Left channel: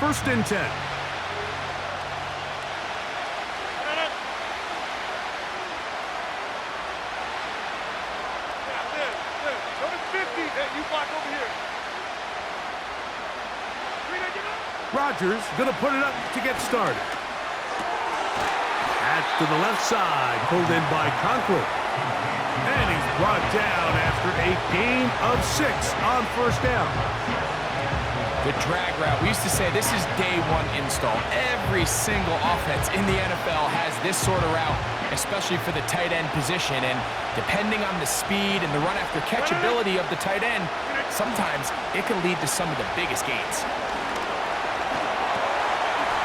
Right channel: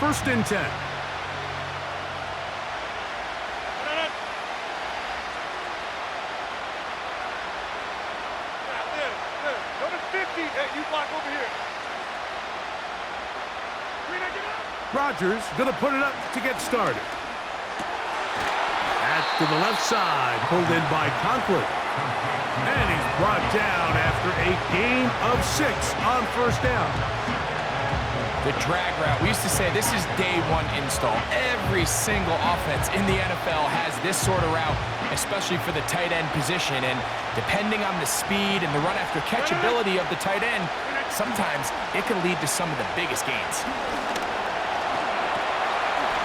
First and 10. Go to 50. Hey, you block over here. Rodgers going to put it up to get started. That's to the left side, pulled in by Conklin. And he's brought down after a gain of 6 on first down. The drag route. We used to say this is day one install. Every single offense in the NFL has this sort of route, especially for the tight end position. And depending on the speed and the run after catch ability of the tight end, sometimes it can lead to some of the biggest gains.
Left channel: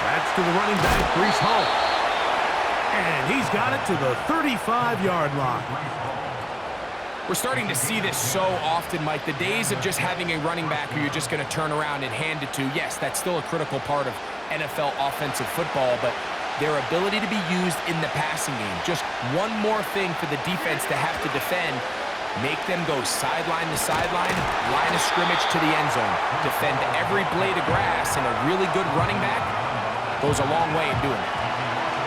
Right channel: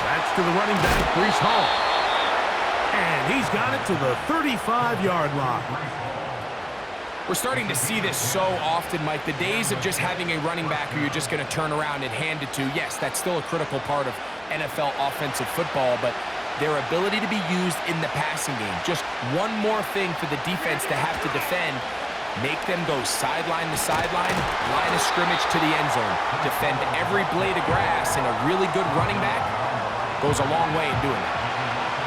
That's to the running back, Breece Hall. And he's got it to the 35-yard line. We're starting to see this so often, Mike. The days of just having a running back who you're just going to turn around and hand it to, yes, that's still a critical part of NFL offensive football, but their ability to be used in the passing game, just one more thing for the defense to have to defend, make them go sideline to sideline, line of scrimmage to the end zone, defend every blade of grass, and a really good running back goes a long way in doing that.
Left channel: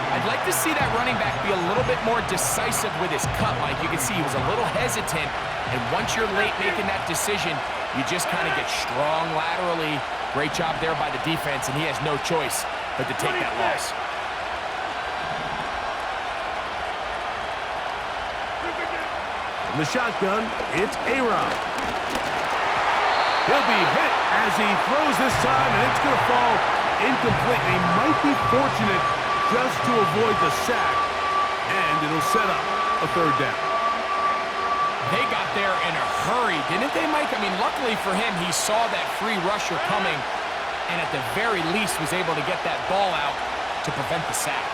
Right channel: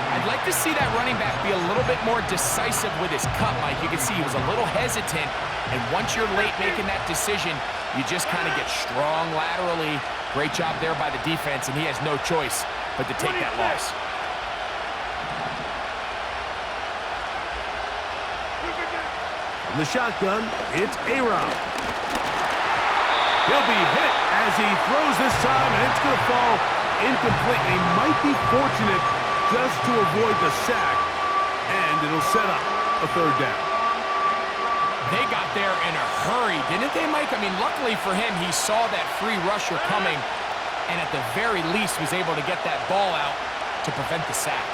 I'd like to see that running back be a little bit more decisive with his cut, Mike. You can see he was a little hesitant, and once you're late making that decision, you just kind of get strong laterally. Great job there by the defense, and he has no choice but to take that loss. From the shotgun, it's A-Rob. He'll be hit as he throws this time, and it's going to fall incomplete. He might be fortunate just to avoid the sack, and it'll set up a third down. They got there in a hurry, didn't they, Mike? I mean, luckily for him, he saw that free rusher coming, and at the very least was able to get that ball out to prevent the sack.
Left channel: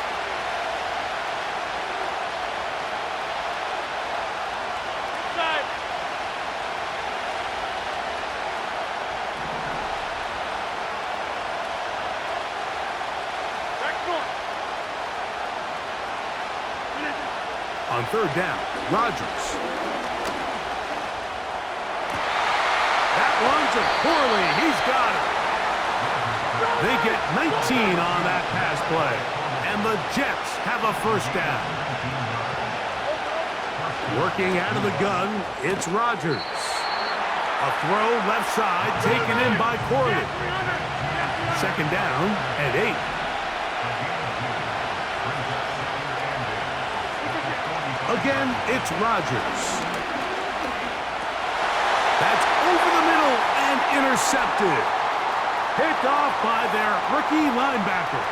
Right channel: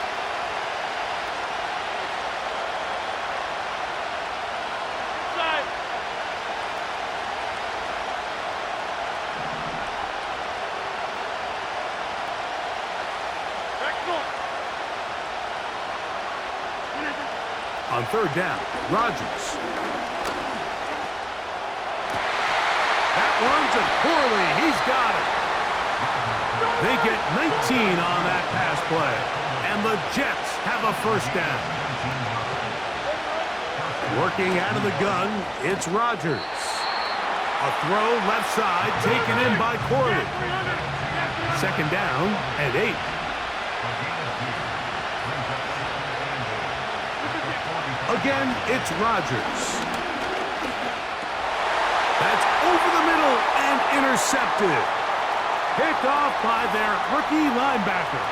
Inside. Back north. On third down, Rodgers. That one's a poorly. He's got it. They get 19 on that pass play, and the Jets have a first down. Working out of the gun, it's Rodgers. A throw left side taken in by Corley. Second down and 8. Again, it's Rodgers. That's over the middle and intercepted. Picked off by their rookie linebacker.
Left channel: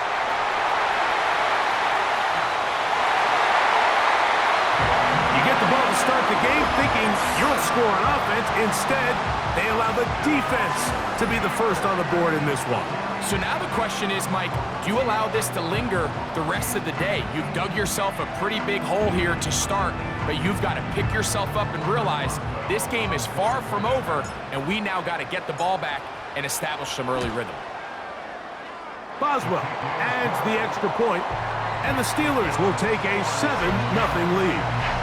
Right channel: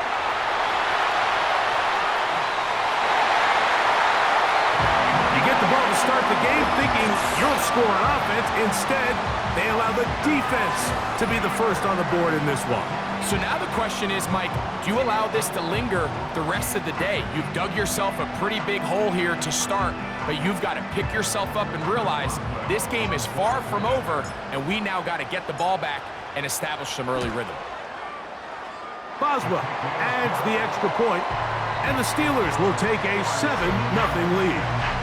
You get the ball to start the game thinking you'll score on offense. Instead, they allow the defense to be the first on the board in this one. So now the question is, Mike, do you allow this to linger the rest of the day? You've dug yourself a pretty big hole here to start, but you've got to pick yourself up and realize this game is far from over, and we now got to get the ball back and establish some early rhythm. Boswell adds the extra point, and the Steelers will take a 7-0 lead.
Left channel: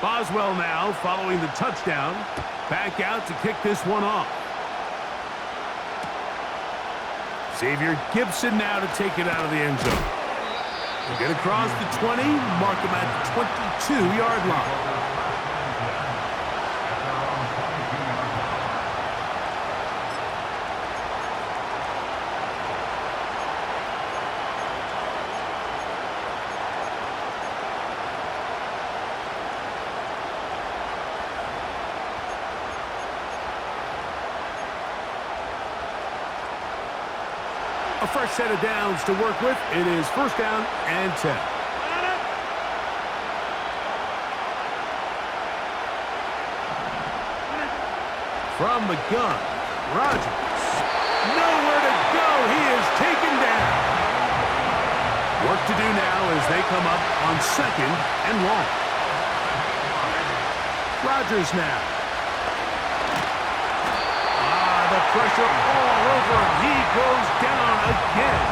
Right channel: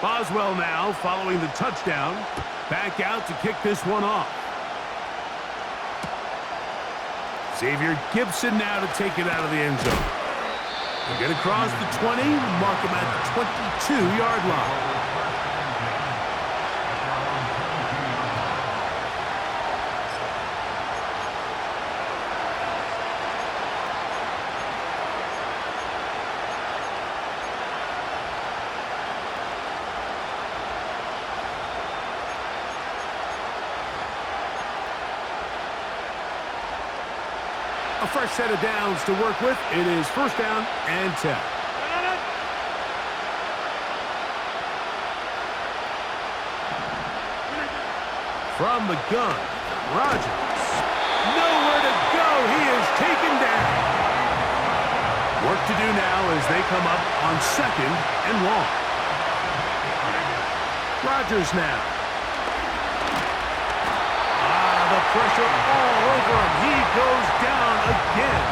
Boswell now following the touchdown. Back out to kick this one off. Xavier Gibson now to take it out of the end zone. He'll get across the 20, mark him at the 22-yard line. A fresh set of downs to work with. It is first down and 10. From the gun, Rodgers. Nowhere to go. He is taken down. Work to do now as they come up on second and long. Rodgers now. the pressure all over him. He goes down again.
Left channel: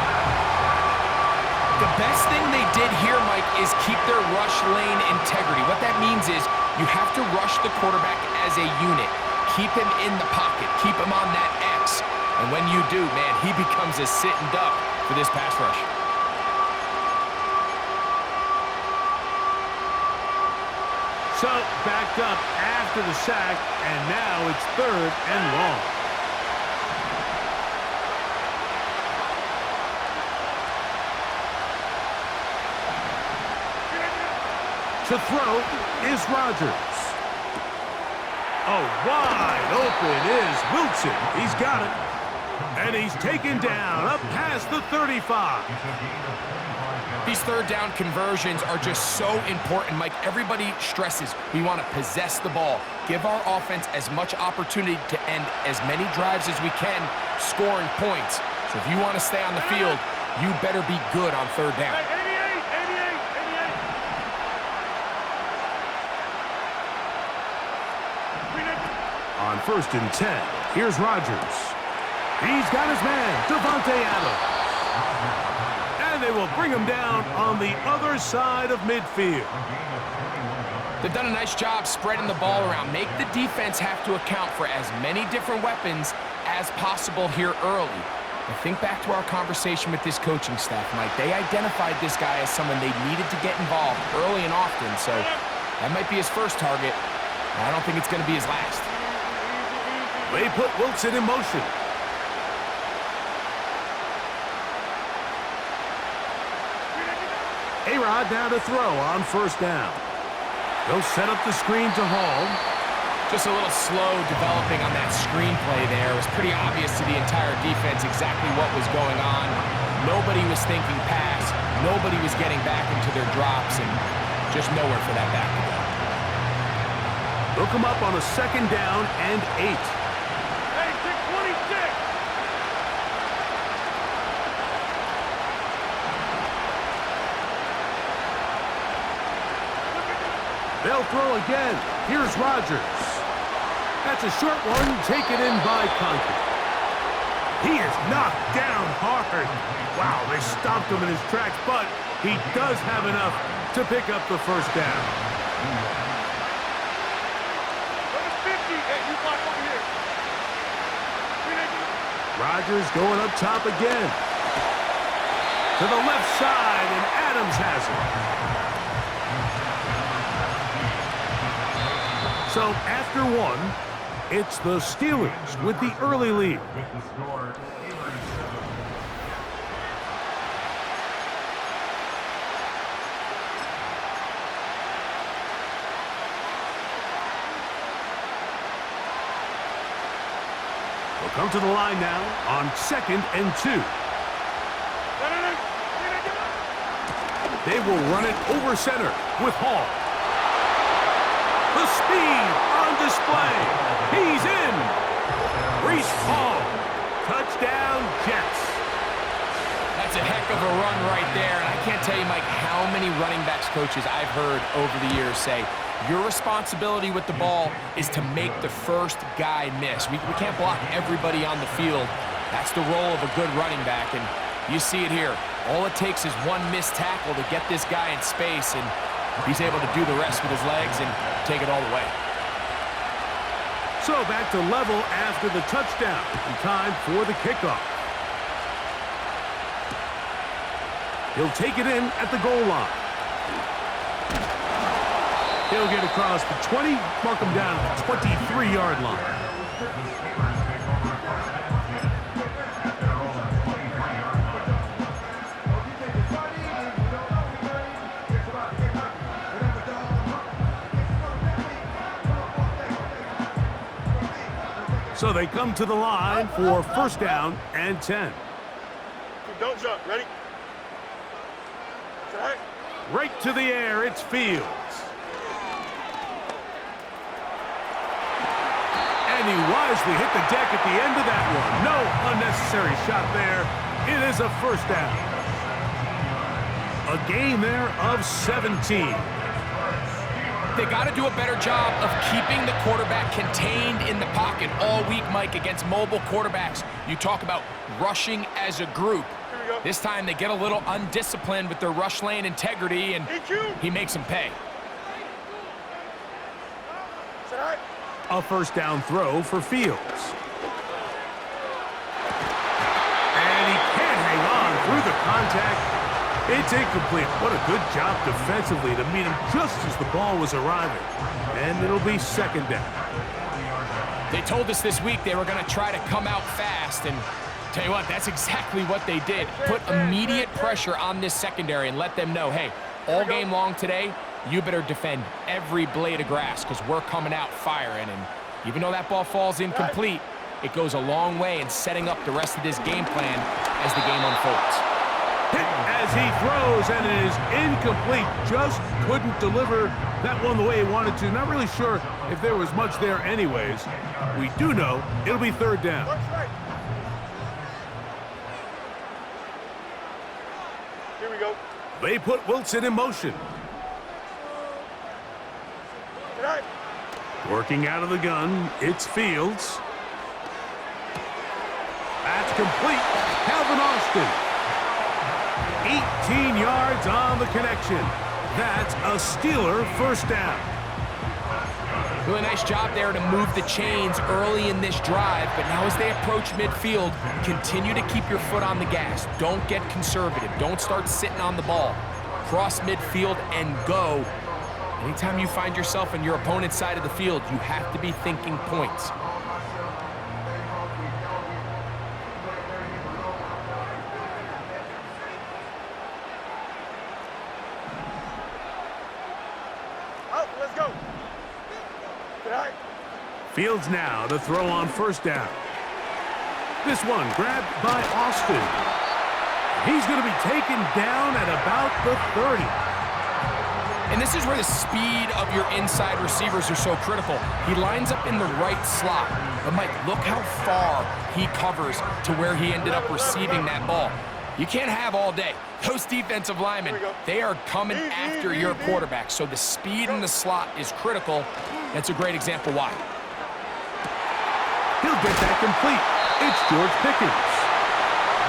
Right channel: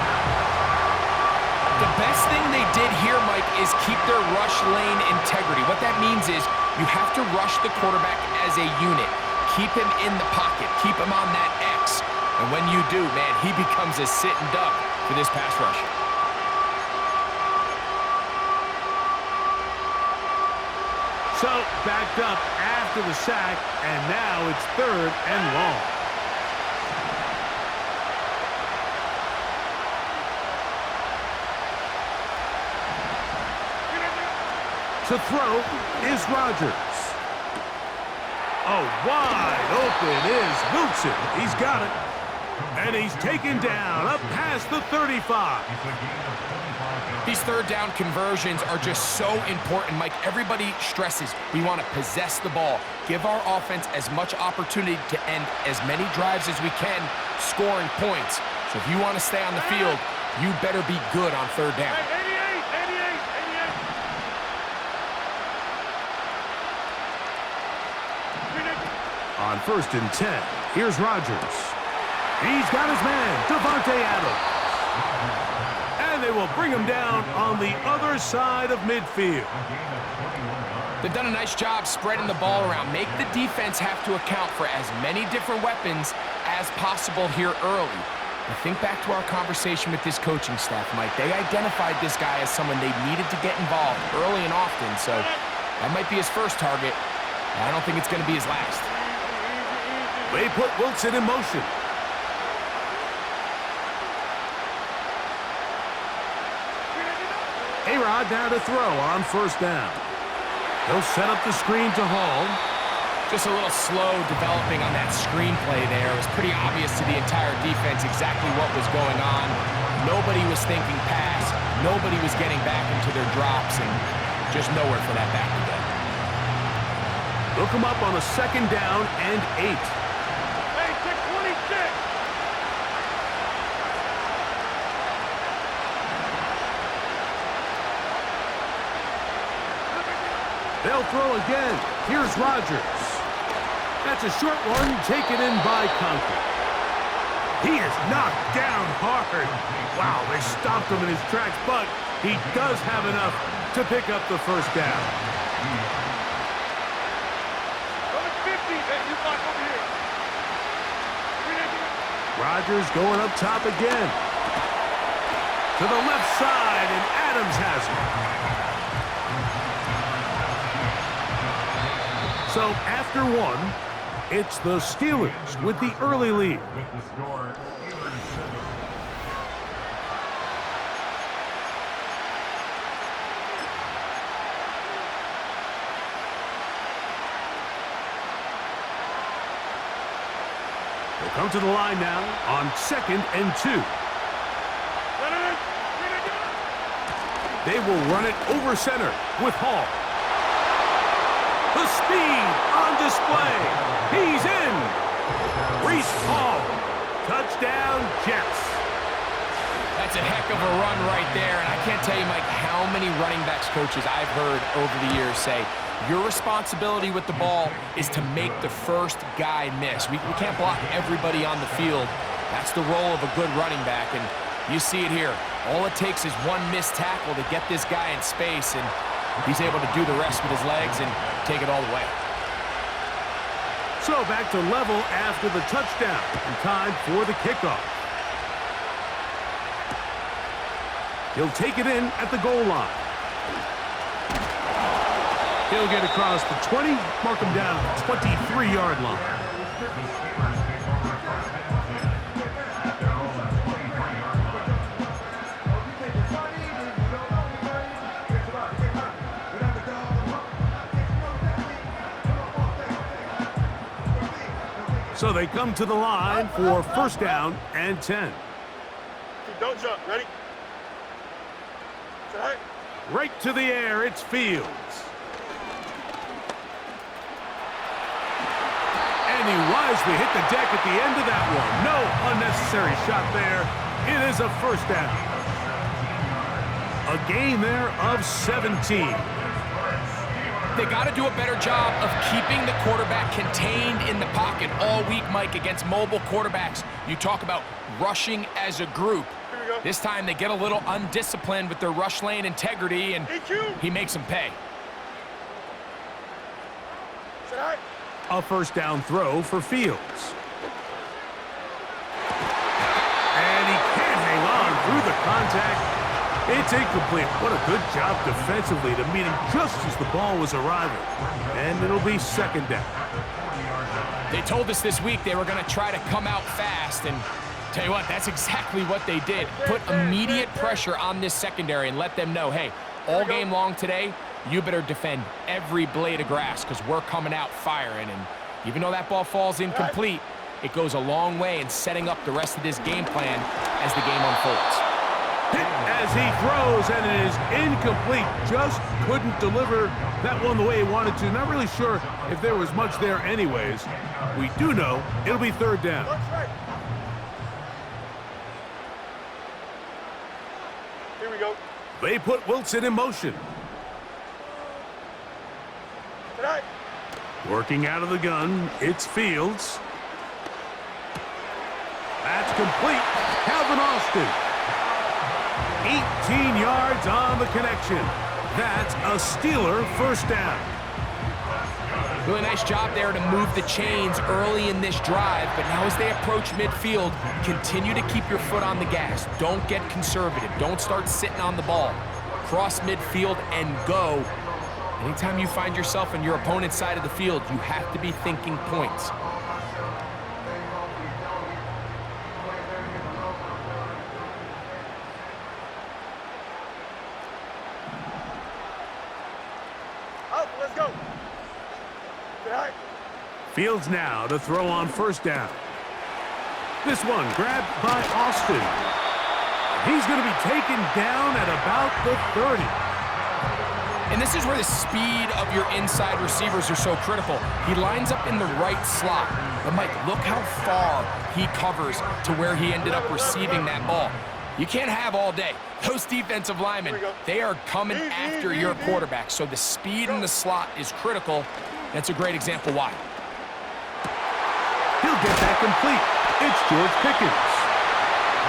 The best thing they did here, Mike, is keep their rush lane integrity. What that means is you have to rush the quarterback as a unit. Keep him in the pocket. Keep him on that X. And when you do, man, he becomes a sitting duck for this pass rush. So, backed up after the sack, and now it's 3rd and long. To throw is Rodgers. Oh, wide open is Wilson. He's got it. And he's taken down up past the 35. These 3rd down conversions are just so important, Mike. Everybody stresses we want to possess the ball, give our offense as much opportunity to end as many drives as we can, scoring points. So if you want to stay on the field, you better be good on 3rd down. Hey, 88. On 1st and 10, here's Rodgers. He's got his man, Devontae Adams. And they will bring him down on the other side of midfield. They've done a nice job spreading the ball around. Make the defense have to account for as many different weapons as possible here early. And think back to our conversation with this coaching staff, Mike. They identified this guy as someone they needed to get involved early and often. So that might be his first target. I don't think it's going to be his last. They put Wilson in motion. A-Rod now to throw on 1st down. He'll set up the screen to Hall. Just a little slow developing on that screenplay there. It was pretty obvious to the entire defense exactly what was going on. Nobody was thinking pass. Nobody was getting back into their drops, and just nowhere for that back to go. They'll come up on a 2nd down and 8. Hey, take 26. They'll throw again. Here's Rodgers. That's a short one taken in by Conklin. He is knocked down hard. Wow, they stopped him in his tracks, but he does have enough to pick up the 1st down. Go to 50. Hey, you block over here. Rodgers going up top again. To the left side, and Adams has it. So after 1, it's the Steelers with the early lead. They'll come to the line now on 2nd and 2. They will run it over center with Hall. The speed on display. He's in. Breece Hall. Touchdown, Jets. That's a heck of a run right there. And I can't tell you, Mike, how many running backs coaches I've heard over the years say, your responsibility with the ball is to make the first guy miss. We can't block everybody on the field. That's the role of a good running back. And you see it here. All it takes is one missed tackle to get this guy in space, and he's able to do the rest with his legs and take it all the way. So back to level after the touchdown, and time for the kickoff. He'll take it in at the goal line. He'll get across the 20, mark him down at the 23-yard line. So they come to the line for 1st down and 10. Don't jump. Ready? Right. Right to the air, it's Fields. And he wisely hit the deck at the end of that one. No unnecessary shot there. It is a 1st down. A gain there of 17. They got to do a better job of keeping the quarterback contained in the pocket all week, Mike, against mobile quarterbacks. You talk about rushing as a group. Here we go. This time they get a little undisciplined with their rush lane integrity, and he makes them pay. Sit high. A first down throw for Fields. And he can't hang on through the contact. It's incomplete. What a good job defensively to meet him just as the ball was arriving. And it'll be second down. They told us this week they were going to try to come out fast, and tell you what, that's exactly what they did. Put immediate pressure on this secondary and let them know, hey, all game long today, you better defend every blade of grass because we're coming out firing. And even though that ball falls incomplete, it goes a long way in setting up the rest of this game plan as the game unfolds. Hit as he throws, and it is incomplete. Just couldn't deliver that one the way he wanted to. Not really sure if there was much there anyways. We do know it'll be third down. Right. Here we go. They put Wilson in motion. Sit high. Working out of the gun, it's Fields. That's complete. Calvin Austin. 18 yards on the connection. That's a Steeler first down. Really nice job there to move the chains early in this drive, but now as they approach midfield, continue to keep your foot on the gas. Don't get conservative. Don't start sitting on the ball. Cross midfield and go. Anytime you find yourself on your opponent's side of the field, you have to be thinking points. Let's go. Sit high. Fields now to throw on first down. This one grabbed by Austin. He's going to be taken down at about the 30. And this is where the speed of your inside receivers are so critical. He lines up in the right slot. But Mike, look how far he covers to where he ended up receiving that ball. You can't have all day. Those defensive linemen, they are coming after your quarterback. So the speed in the slot is critical. That's a great example why. He'll get that complete. It's George Pickens.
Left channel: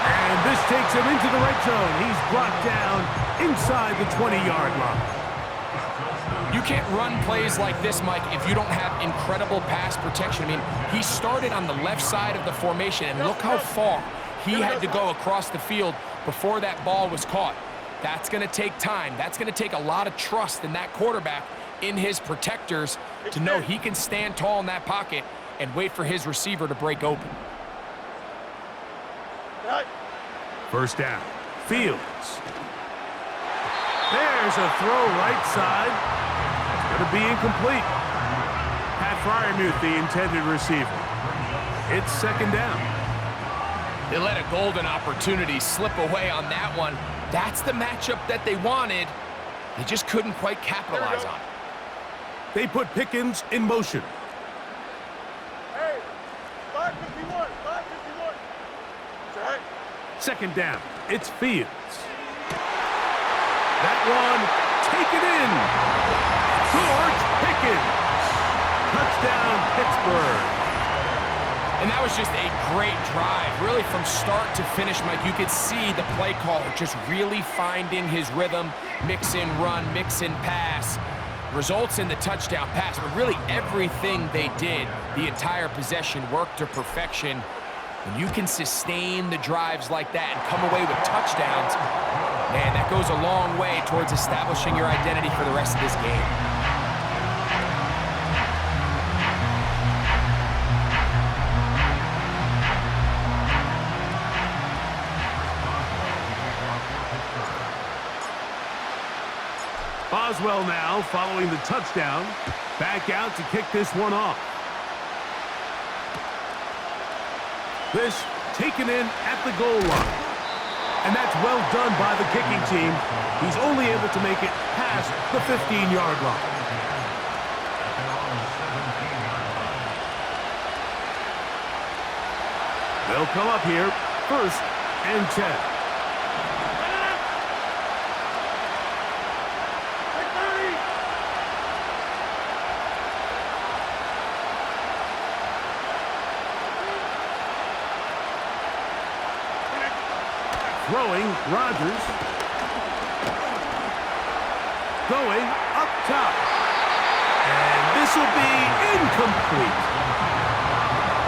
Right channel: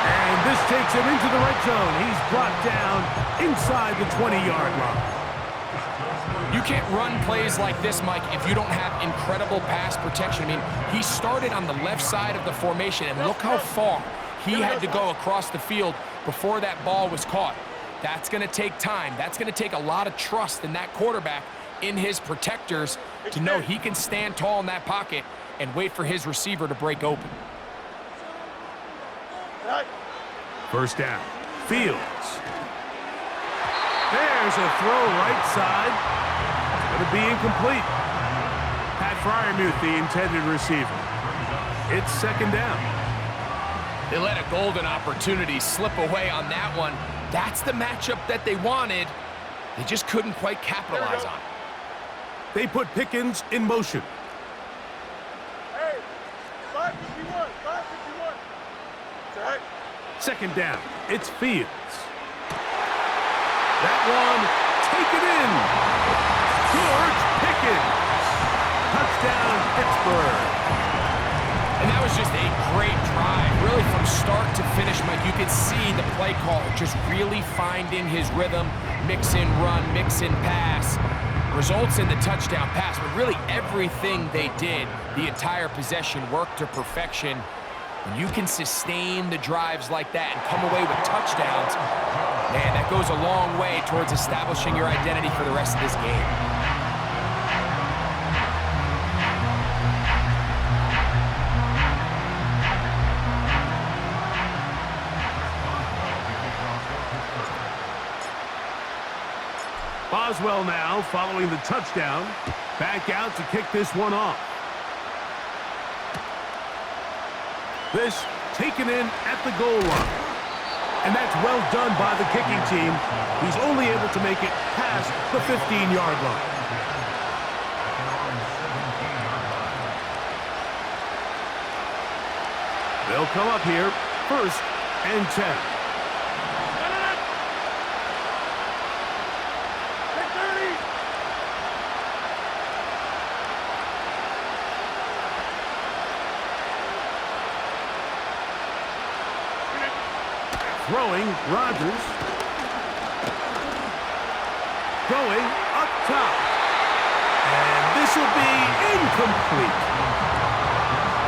And this takes him into the red zone. He's brought down inside the 20-yard line. You can't run plays like this, Mike, if you don't have incredible pass protection. I mean, he started on the left side of the formation, and look how far he had to go across the field before that ball was caught. That's going to take time. That's going to take a lot of trust in that quarterback, in his protectors, to know he can stand tall in that pocket and wait for his receiver to break open. First down. Fields. There's a throw right side. It's going to be incomplete. Pat Freiermuth, the intended receiver. It's second down. They let a golden opportunity slip away on that one. That's the matchup that they wanted. They just couldn't quite capitalize on it. They put Pickens in motion. Hey, 551, 551. Sit high. Second down. It's Fields. That one taken in. George Pickens. Touchdown, Pittsburgh. And that was just a great drive. Really, from start to finish, Mike, you could see the play caller just really finding his rhythm, mix in run, mix in pass. Results in the touchdown pass, but really everything they did, the entire possession, worked to perfection. When you can sustain the drives like that and come away with touchdowns, man, that goes a long way towards establishing your identity for the rest of this game. Boswell now following the touchdown. Back out to kick this one off. This taken in at the goal line. And that's well done by the kicking team. He's only able to make it past the 15-yard line. They'll come up here, first and 10. Throwing, Rodgers. Going up top. And this will be incomplete.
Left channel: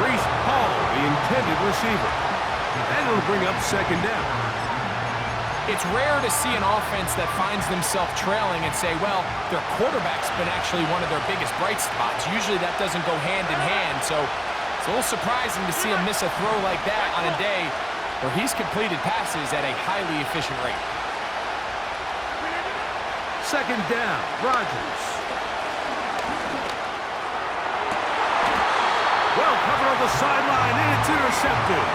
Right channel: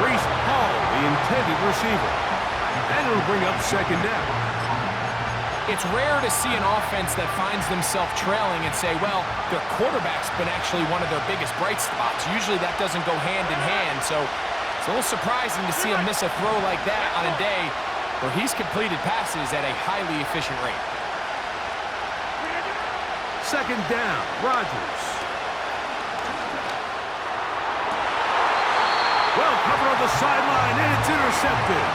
Reese Hall, the intended receiver. And it'll bring up second down. It's rare to see an offense that finds themselves trailing and say, well, their quarterback's been actually one of their biggest bright spots. Usually that doesn't go hand in hand, so it's a little surprising to see him miss a throw like that on a day where he's completed passes at a highly efficient rate. Second down, Rodgers. Well covered on the sideline, and it's intercepted.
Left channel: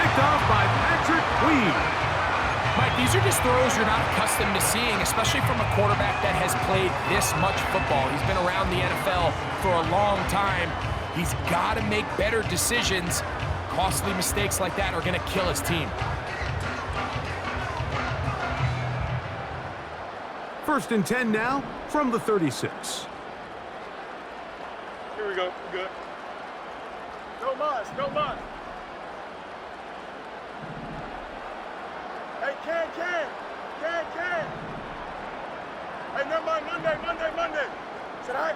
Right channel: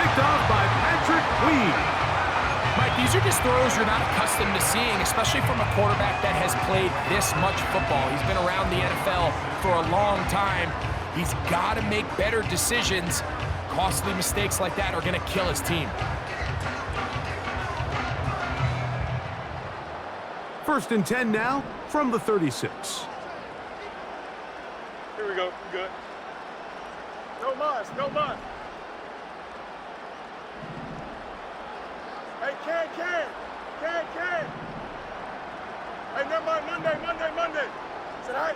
Picked off by Patrick Queen. Mike, these are just throws you're not accustomed to seeing, especially from a quarterback that has played this much football. He's been around the NFL for a long time. He's got to make better decisions. Costly mistakes like that are going to kill his team. First and 10 now from the 36. Here we go. We're good. No mas, no mas. Hey, Ken. Hey, never mind, Monday. Said I?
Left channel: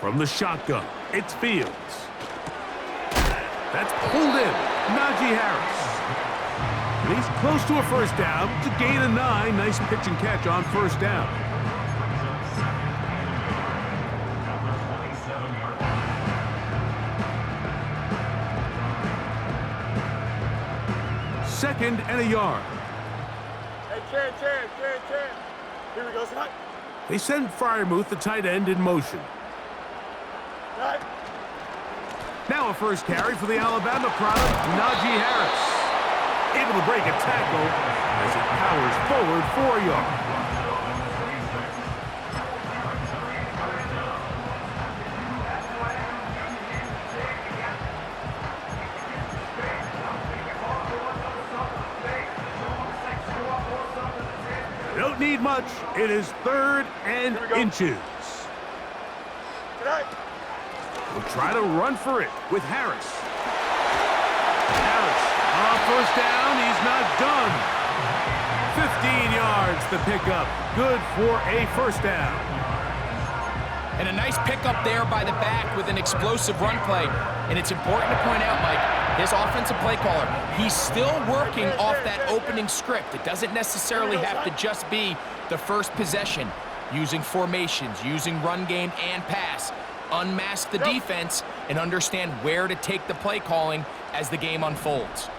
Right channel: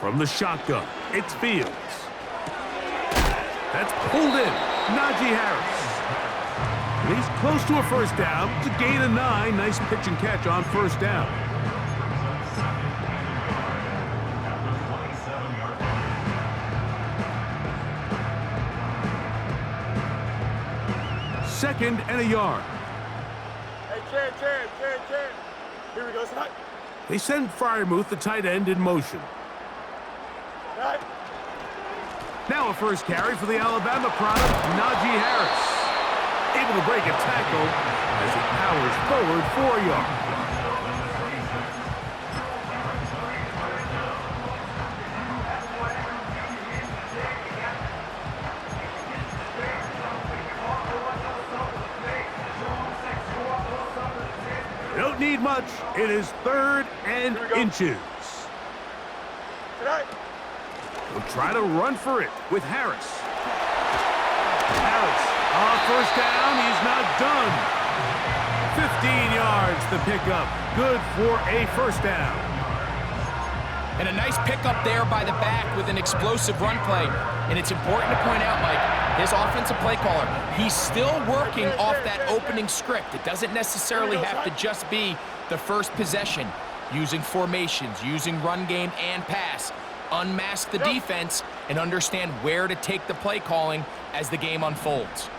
From the shotgun, it's Fields. That's pulled in. Najee Harris. And he's close to a first down. It's a gain of 9. Nice pitch and catch on first down. Second and a yard. Hey, Ken. Here we go, said I? They send Freiermuth, the tight end, in motion. Right. Now a first carry for the Alabama product, Najee Harris. Able to break a tackle as he powers forward 4 yards. Don't need much. It is third and inches. Tonight. We'll try to run for it with Harris. Harris, first down. He's not done. 15 yards the pickup. Good for a first down. And a nice pickup there by the back with an explosive run play. And it's important to point out, Mike, his offensive play caller, he's still working off that opening script. It doesn't necessarily have to just be the first possession. Using formations, using run game and pass. Unmask the defense and understand where to take the play calling as the game unfolds.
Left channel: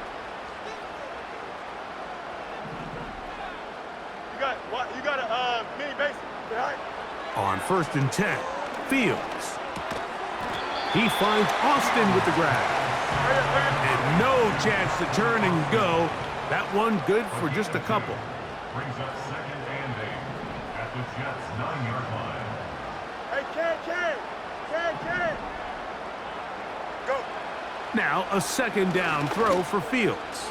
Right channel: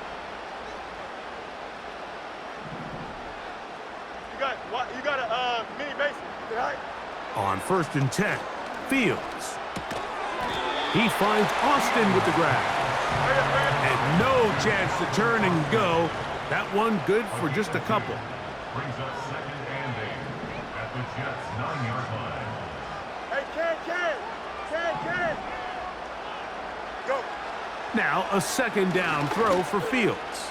You got a mini base tonight. On first and 10, Fields. He finds Austin with the grab. And no chance to turn and go. That one good for just a couple. Brings up second and 8 at the Jets' 9-yard line. Hey, Ken. Go. Now a second down throw for Fields.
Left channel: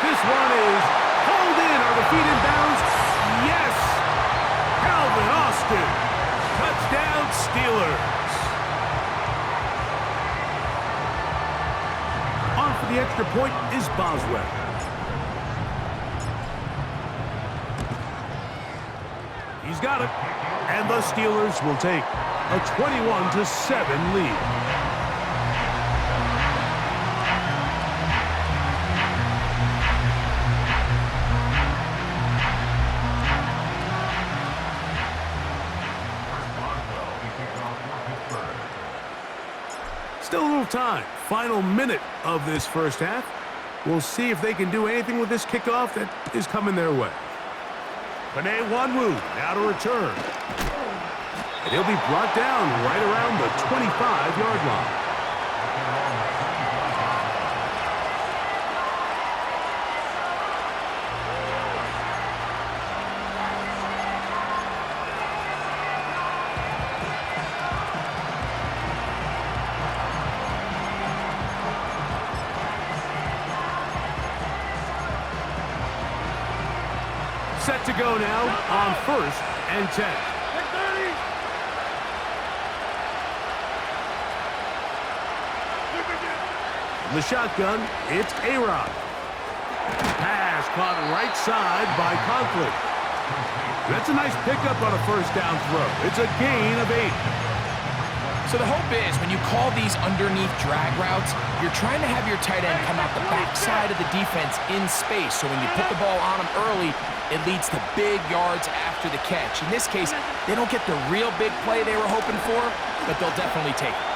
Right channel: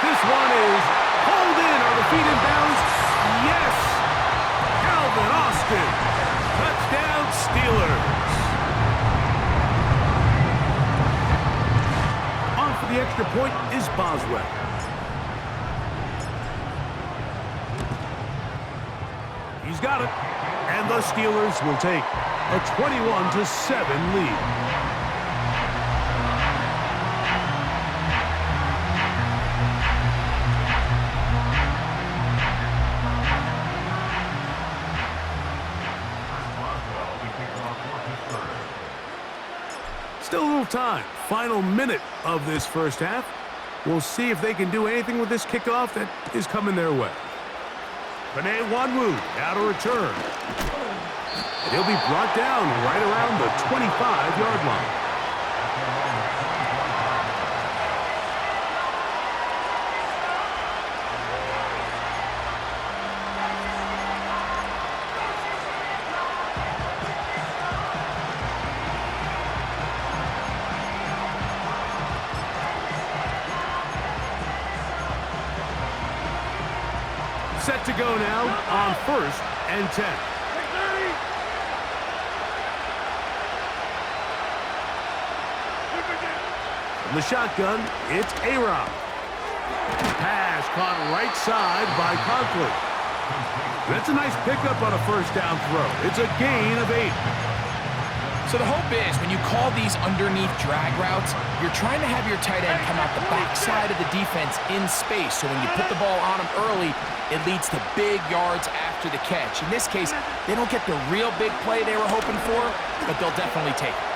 This one is hauled in. Are the feet in bounds? Yes! Calvin Austin. Touchdown Steelers. On for the extra point is Boswell. He's got it. And the Steelers will take a 21-7 lead. Still a little time. Final minute of this first half. We'll see if they can do anything with this kickoff that is coming their way. Panay Wanwu now to return. And he'll be brought down right around the 25-yard line. Set to go now on first and 10. From the shotgun, it's A-Rod. Pass caught right side by Conklin. That's a nice pickup on a first down throw. It's a gain of 8. So the hope is when you call these underneath drag routes, you're trying to have your tight end come out the backside of the defense in space. So when you put the ball on him early, it leads to big yards after the catch. In this case, they don't get the real big play they were hoping for, but they'll definitely take it.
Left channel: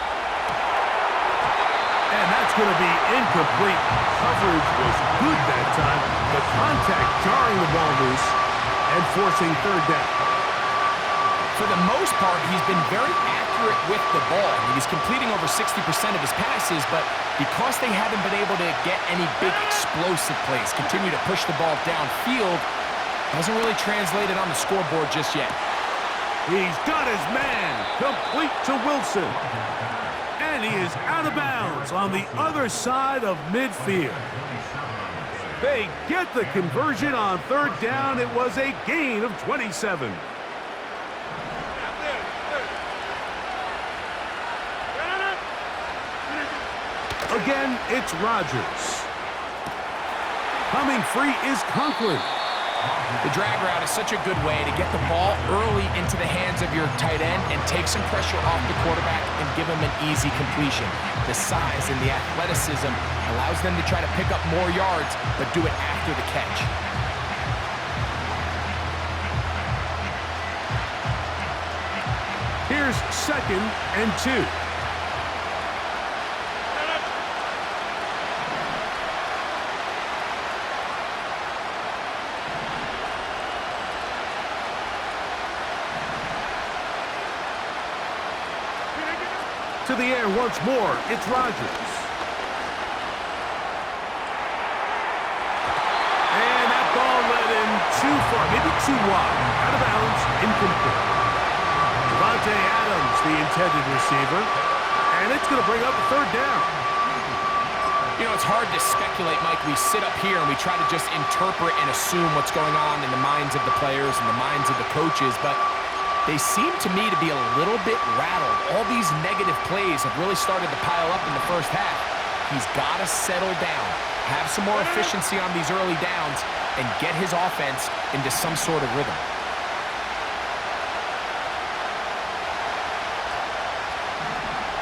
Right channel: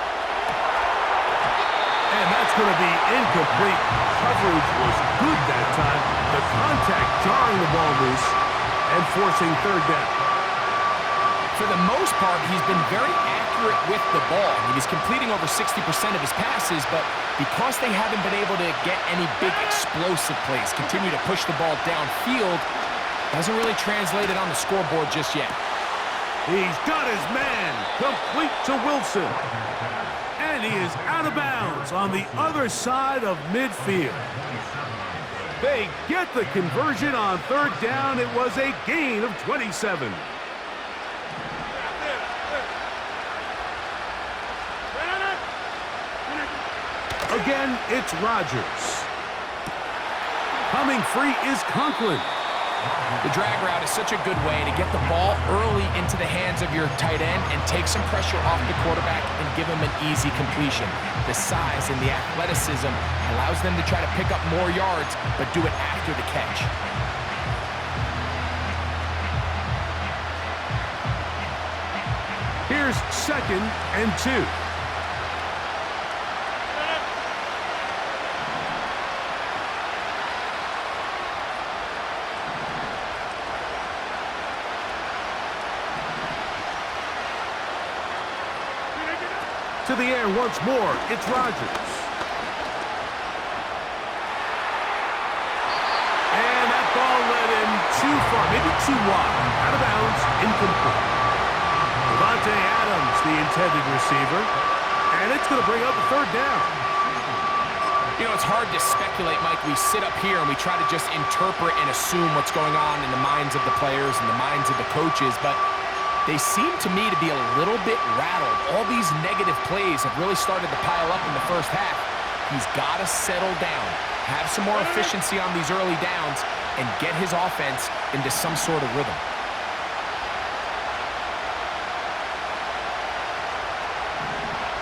And that's going to be incomplete. Coverage was good that time. The contact jarring the ball loose and forcing third down. For the most part, he's been very accurate with the ball. I mean, he's completing over 60% of his passes, but because they haven't been able to get any big explosive plays, continue to push the ball downfield, hasn't really translated on the scoreboard just yet. He's got his man, complete to Wilson. And he is out of bounds on the other side of midfield. They get the conversion on third down. It was a gain of 27. Again, it's Rodgers. Coming free is Conklin. The drag route is such a good way to get the ball early into the hands of your tight end and take some pressure off the quarterback and give him an easy completion. The size and the athleticism allows them to try to pick up more yards, but do it after the catch. Here's 2nd and 2. To the air once more, it's Rodgers. And that ball led him too far, maybe too wide. Out of bounds, incomplete. Devontae Adams, the intended receiver. And it's going to bring up a third down. You know, it's hard to speculate, Mike. We sit up here and we try to just interpret and assume what's going on in the minds of the players and the minds of the coaches, but they seem to me to be a little bit rattled. All these negative plays have really started to pile up in the first half. He's got to settle down, have some more efficiency on these early downs, and get his offense into some sort of rhythm.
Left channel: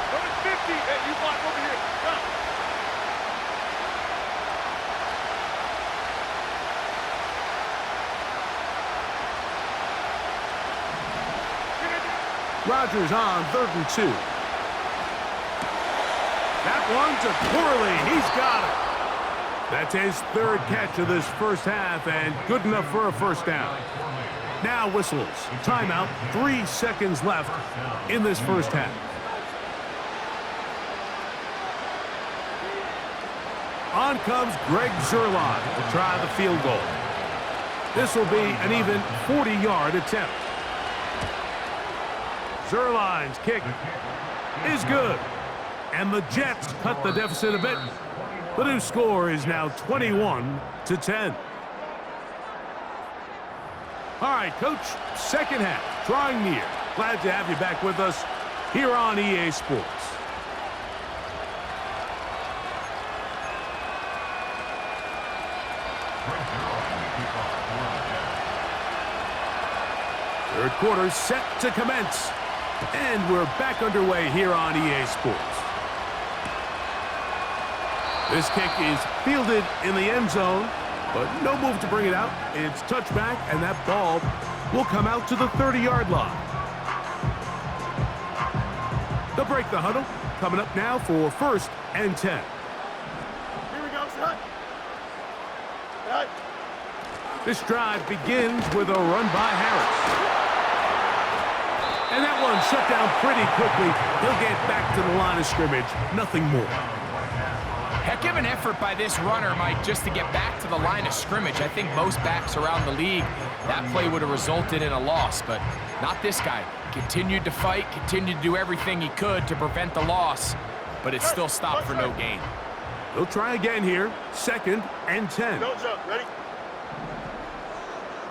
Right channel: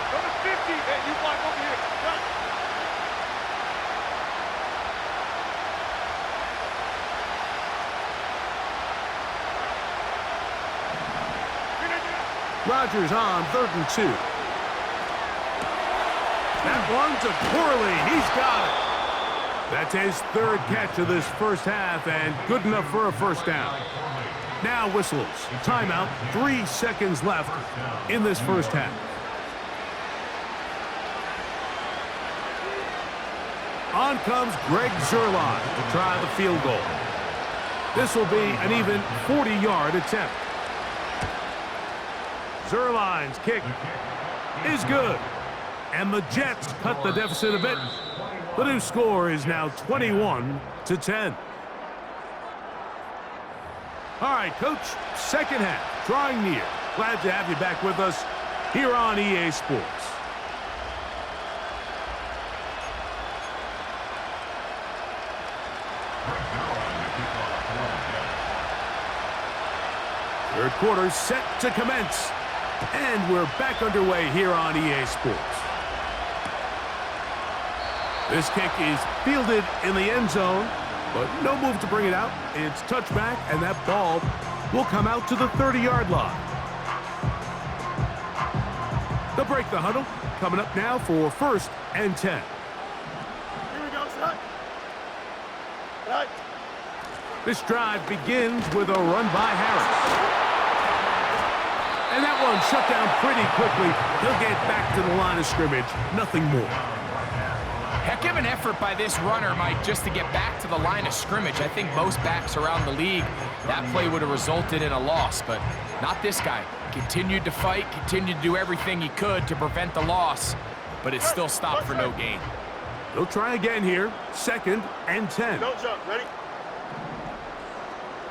Number 50, hey, you block over here. Done. Rodgers on 3rd and 2. That one to Corley. He's got it. That's his 3rd catch of this first half and good enough for a first down. Now whistles. Timeout. 3 seconds left in this first half. On comes Greg Zuerlein to try the field goal. This will be an even 40-yard attempt. Zuerlein's kick is good. And the Jets cut the deficit a bit. The new score is now 21-10. All right, Coach, second half, drawing near. Glad to have you back with us here on EA Sports. Third quarter set to commence. And we're back underway here on EA Sports. This kick is fielded in the end zone, but no move to bring it out. It's touchback, and that ball will come out to the 30-yard line. They'll break the huddle. Coming up now for 1st and 10. Here we go, son. Right. This drive begins with a run by Harris. And that one shut down pretty quickly. He'll get back to the line of scrimmage. Nothing more. Heck of an effort by this runner, Mike, just to get back to the line of scrimmage. I think most backs around the league, that play would have resulted in a loss, but not this guy. Continued to fight, continued to do everything he could to prevent the loss, but it still stopped for no gain. They'll try again here. 2nd and 10. Don't jump. Ready?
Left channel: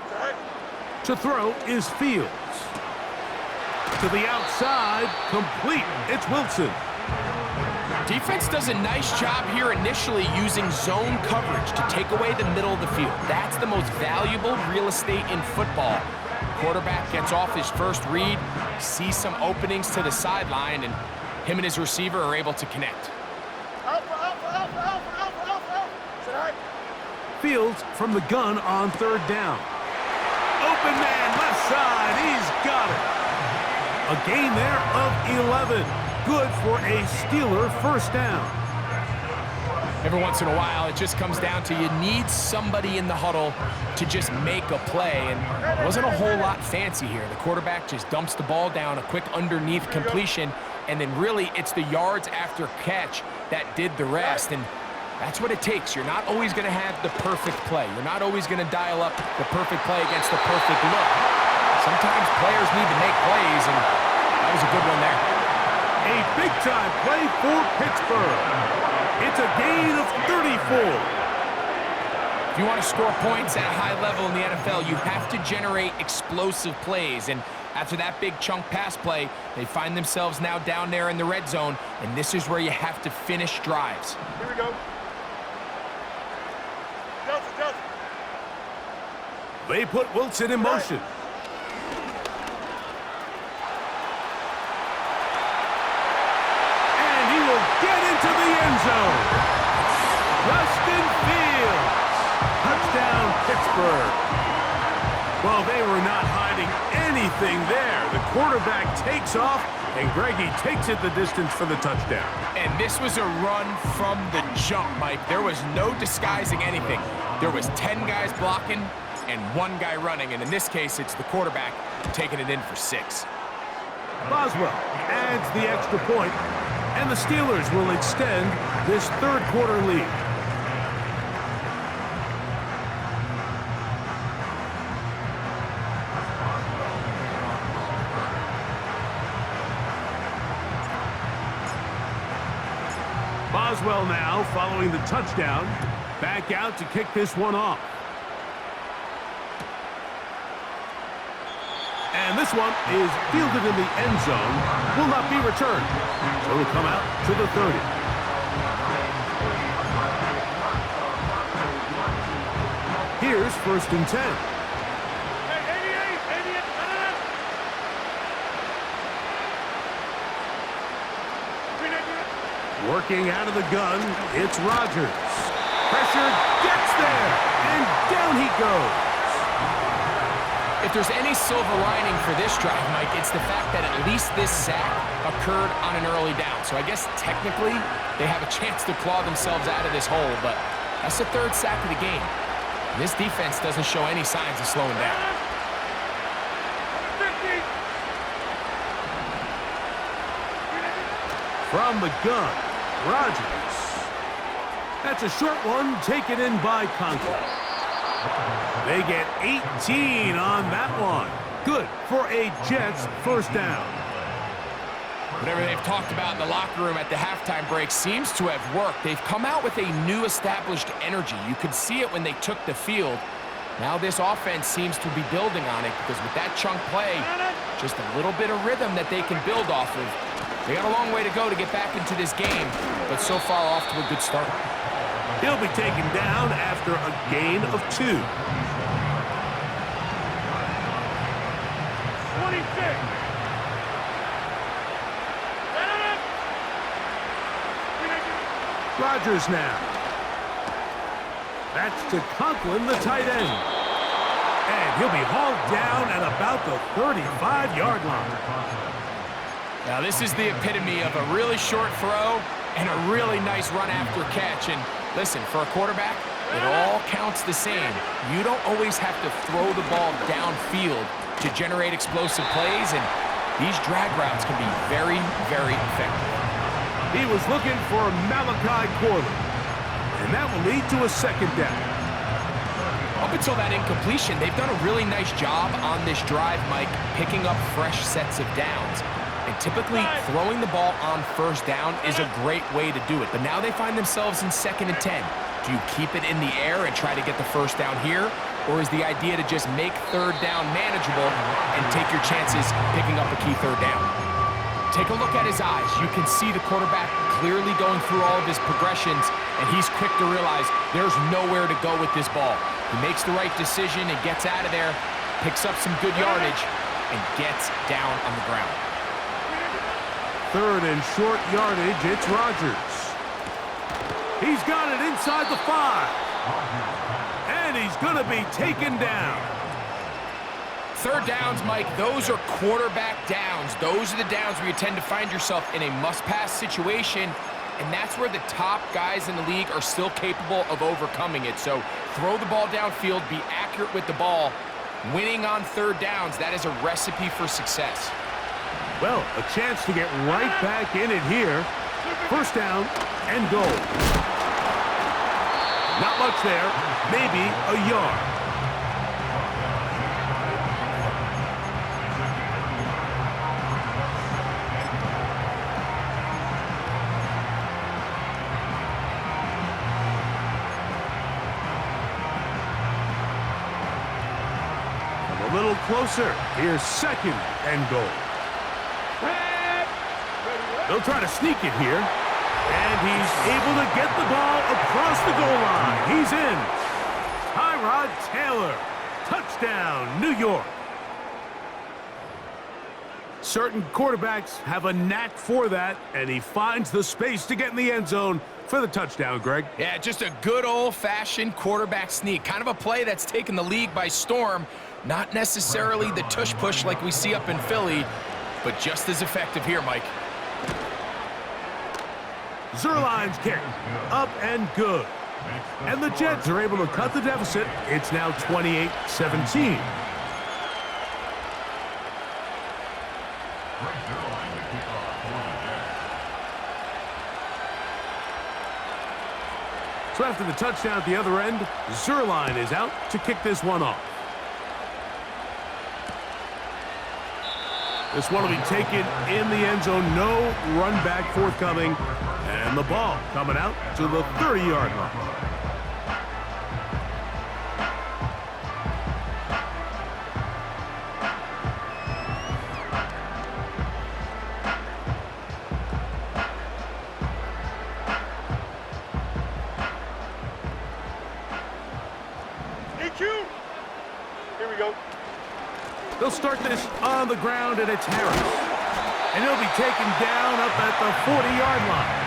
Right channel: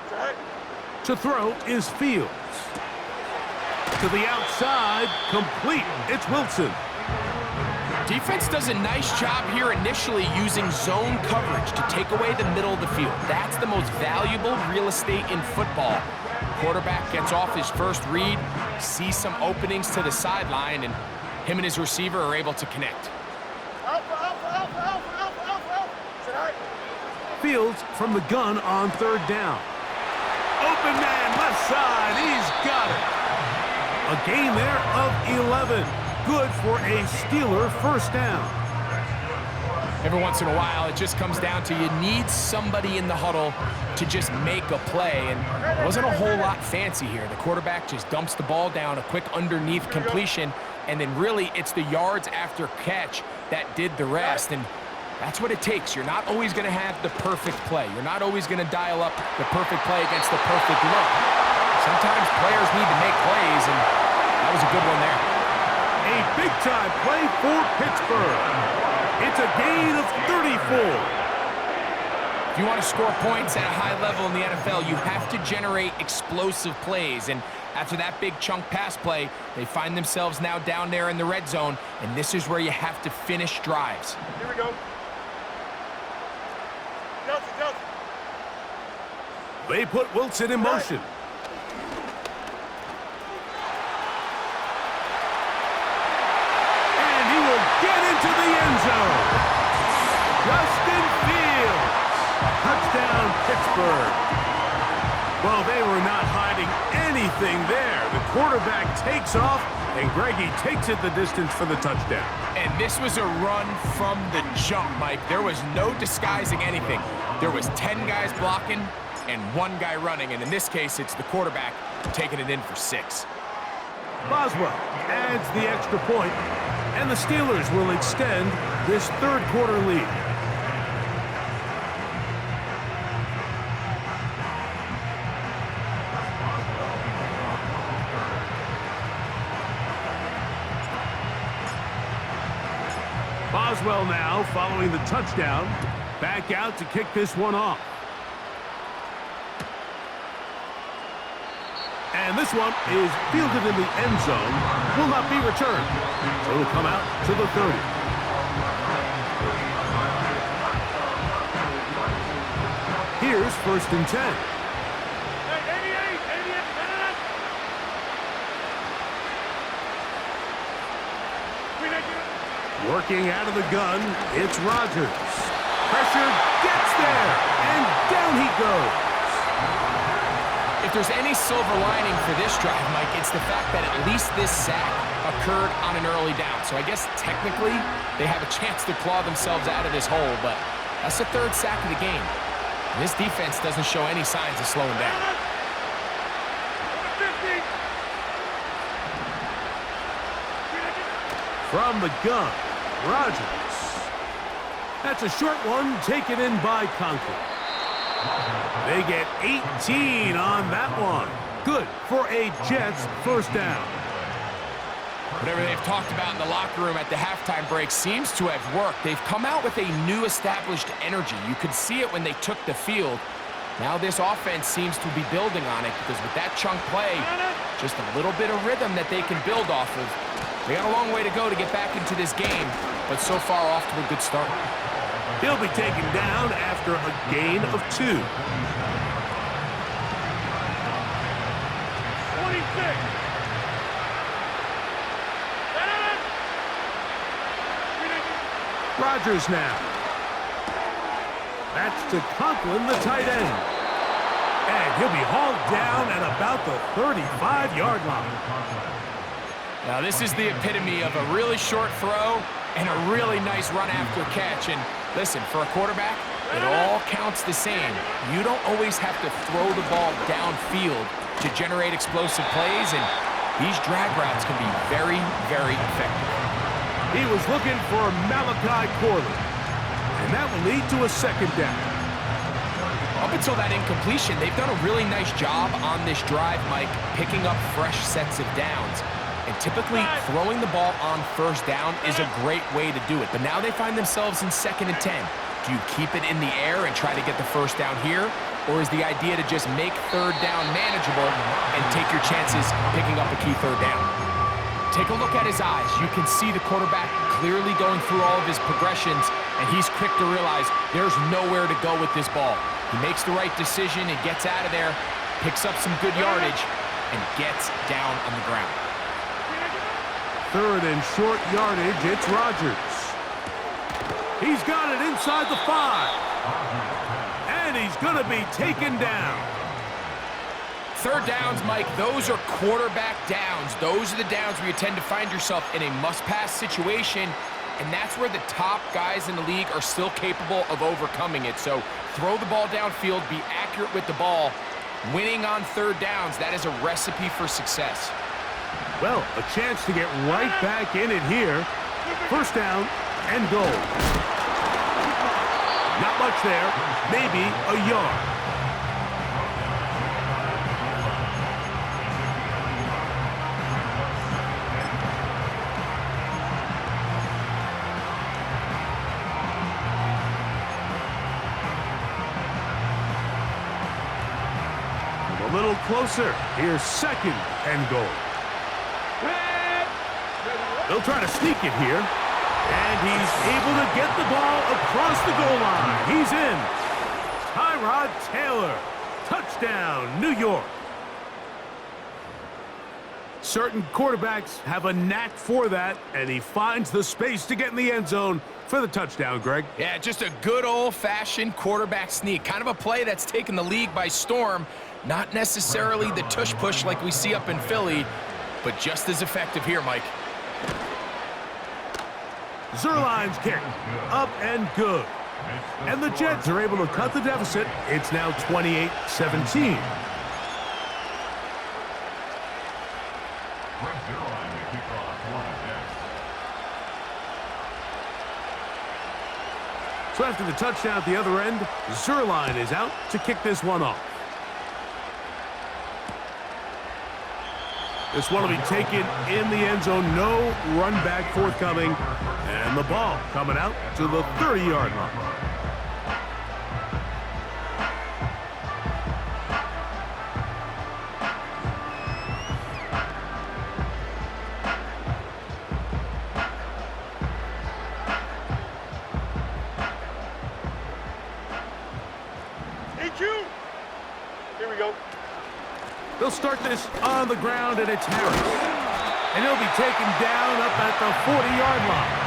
Set. To throw is Fields. To the outside, complete. It's Wilson. Defense does a nice job here initially using zone coverage to take away the middle of the field. That's the most valuable real estate in football. Quarterback gets off his first read, sees some openings to the sideline, and him and his receiver are able to connect. Fields from the gun on third down. Open man, left side, he's got it. A gain there of 11. Good for a Steeler first down. Every once in a while, it just comes down to you need somebody in the huddle to just make a play, and it wasn't a whole lot fancy here. The quarterback just dumps the ball down, a quick underneath completion, and then really it's the yards after catch that did the rest, and that's what it takes. You're not always going to have the perfect play. You're not always going to dial up the perfect play against the perfect look. Sometimes players need to make plays, and that was a good one there. A big-time play for Pittsburgh. It's a gain of 34. If you want to score points at a high level in the NFL, you have to generate explosive plays. And after that big chunk pass play, they find themselves now down there in the red zone, and this is where you have to finish drives. Here we go. Johnson. They put Wilson in motion. Get into the end zone. Justin Fields. Touchdown, Pittsburgh. Well, they were not hiding anything there. The quarterback takes off, and Greggy takes it the distance for the touchdown. And this was a run from the jump, Mike. There was no disguising anything. There was 10 guys blocking and 1 guy running, and in this case, it's the quarterback taking it in for 6. Boswell adds the extra point, and the Steelers will extend this third quarter lead. Boswell now, following the touchdown, back out to kick this one off. And this one is fielded in the end zone, will not be returned. So it'll come out to the 30. Here's 1st and 10. Hey, 88. Working out of the gun, it's Rodgers. Pressure gets there, and down he goes. If there's any silver lining for this drive, Mike, it's the fact that at least this sack occurred on an early down. So I guess technically they have a chance to claw themselves out of this hole, but that's the 3rd sack of the game. And this defense doesn't show any signs of slowing down. From the gun, Rodgers. That's a short one taken in by Conklin. They get 18 on that one. Good for a Jets first down. Whatever they've talked about in the locker room at the halftime break seems to have worked. They've come out with a new established energy. You could see it when they took the field. Now this offense seems to be building on it because with that chunk play, just a little bit of rhythm that they can build off of. They got a long way to go to get back into this game, but so far off to a good start. He'll be taken down after a gain of 2. 26. Rodgers now. That's to Conklin, the tight end. And he'll be hauled down at about the 35-yard line. Now this is the epitome of a really short throw and a really nice run after catch. And listen, for a quarterback, it all counts the same. You don't always have to throw the ball downfield to generate explosive plays, and these drag routes can be very, very effective. He was looking for Malachi Corley, and that will lead to a 2nd down. Up until that incompletion, they've done a really nice job on this drive, Mike, picking up fresh sets of downs. And typically, throwing the ball on 1st down is a great way to do it. But now they find themselves in 2nd and 10. Do you keep it in the air and try to get the 1st down here? Or is the idea to just make 3rd down manageable and take your chances picking up a key 3rd down? Take a look at his eyes. You can see the quarterback clearly going through all of his progressions, and he's quick to realize there's nowhere to go with this ball. He makes the right decision and gets out of there, picks up some good yardage, and gets down on the ground. 3rd and short yardage, it's Rodgers. He's got it inside the 5. And he's going to be taken down. 3rd downs, Mike, those are quarterback downs. Those are the downs where you tend to find yourself in a must-pass situation, and that's where the top guys in the league are still capable of overcoming it. So throw the ball downfield, be accurate with the ball. Winning on 3rd downs, that is a recipe for success. Well, a chance to get right back in it here. 1st down and goal. Not much there, maybe a yard. A little closer. Here's 2nd and goal. They'll try to sneak it here. And he's able to get the ball across the goal line. He's in. Tyrod Taylor. Touchdown, New York. Certain quarterbacks have a knack for that, and he finds the space to get in the end zone for the touchdown, Greg. Yeah, just a good old-fashioned quarterback sneak. Kind of a play that's taken the league by storm. Not necessarily the tush-push like we see up in Philly, but just as effective here, Mike. Zerline's kick, up and good. And the Jets are able to cut the deficit. It's now 28-17. So after the touchdown at the other end, Zerline is out to kick this one off. This one will be taken in the end zone. No run back forthcoming. And the ball coming out to the 30-yard line. Here we go. They'll start this on the ground, and it's Harris. And he'll be taken down up at the 40-yard line.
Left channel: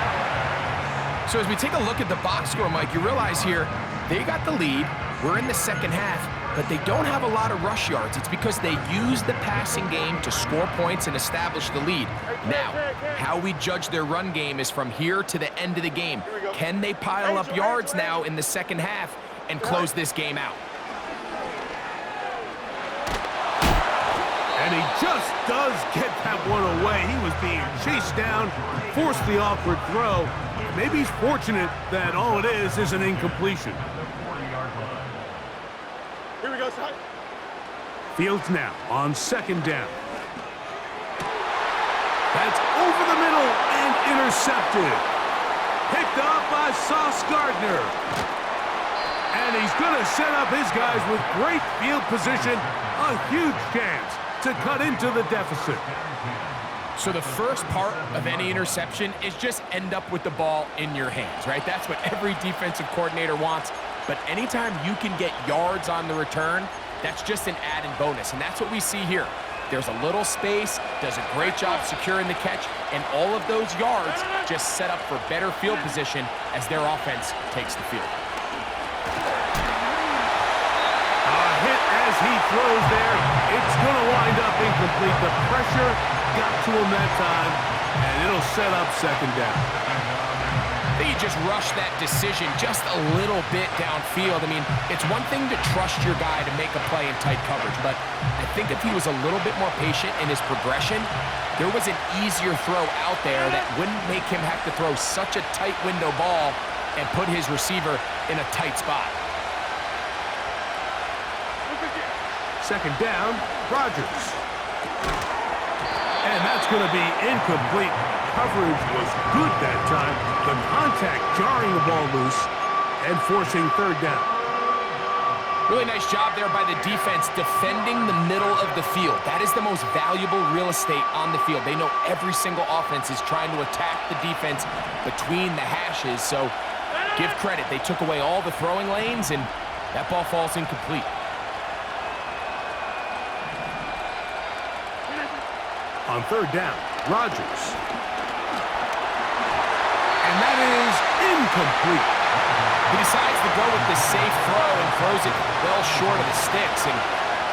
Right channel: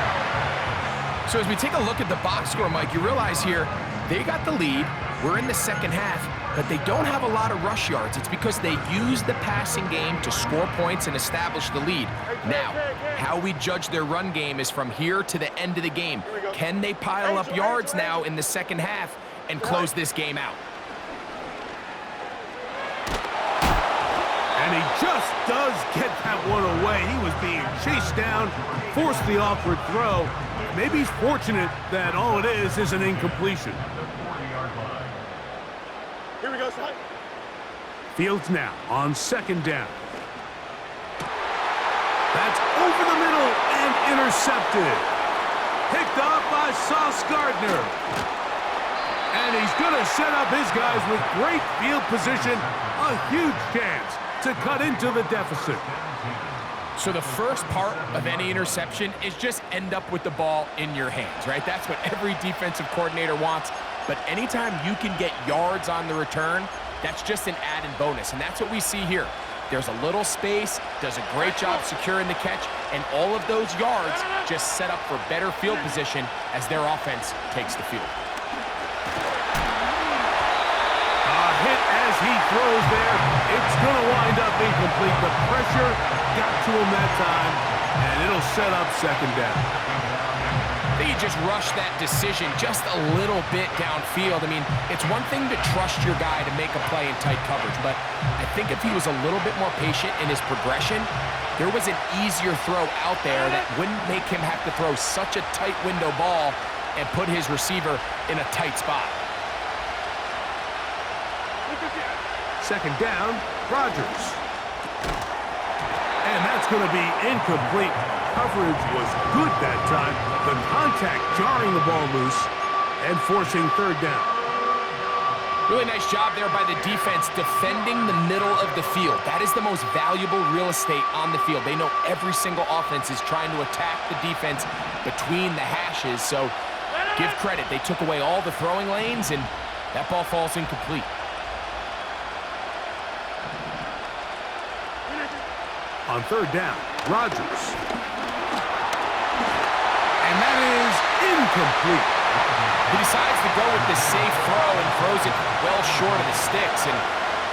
So as we take a look at the box score, Mike, you realize here they got the lead. We're in the second half, but they don't have a lot of rush yards. It's because they use the passing game to score points and establish the lead. Now, how we judge their run game is from here to the end of the game. Can they pile up yards now in the second half and close this game out? And he just does get that one away. He was being chased down, forced the awkward throw. Maybe he's fortunate that all it is an incompletion. Here we go, son. Fields now on 2nd down. That's over the middle and intercepted. Picked off by Sauce Gardner. And he's going to set up his guys with great field position. A huge chance to cut into the deficit. So the first part of any interception is just end up with the ball in your hands, right? That's what every defensive coordinator wants. But anytime you can get yards on the return, that's just an added bonus. And that's what we see here. There's a little space, does a great job securing the catch, and all of those yards just set up for better field position as their offense takes the field. A hit as he throws there. It's going to wind up incomplete. The pressure got to him that time, and it'll set up 2nd down. I think you just rushed that decision just a little bit downfield. I mean, it's one thing to trust your guy to make a play in tight coverage, but I think if he was a little bit more patient in his progression, there was an easier throw out there that wouldn't make him have to throw such a tight window ball and put his receiver in a tight spot. 2nd down, Rodgers. And that's going to be incomplete. Coverage was good that time. The contact jarring the ball loose and forcing 3rd down. Really nice job there by the defense defending the middle of the field. That is the most valuable real estate on the field. They know every single offense is trying to attack the defense between the hashes, so give credit. They took away all the throwing lanes, and that ball falls incomplete. On third down, Rodgers. And that is incomplete. He decides to go with the safe throw and throws it well short of the sticks. And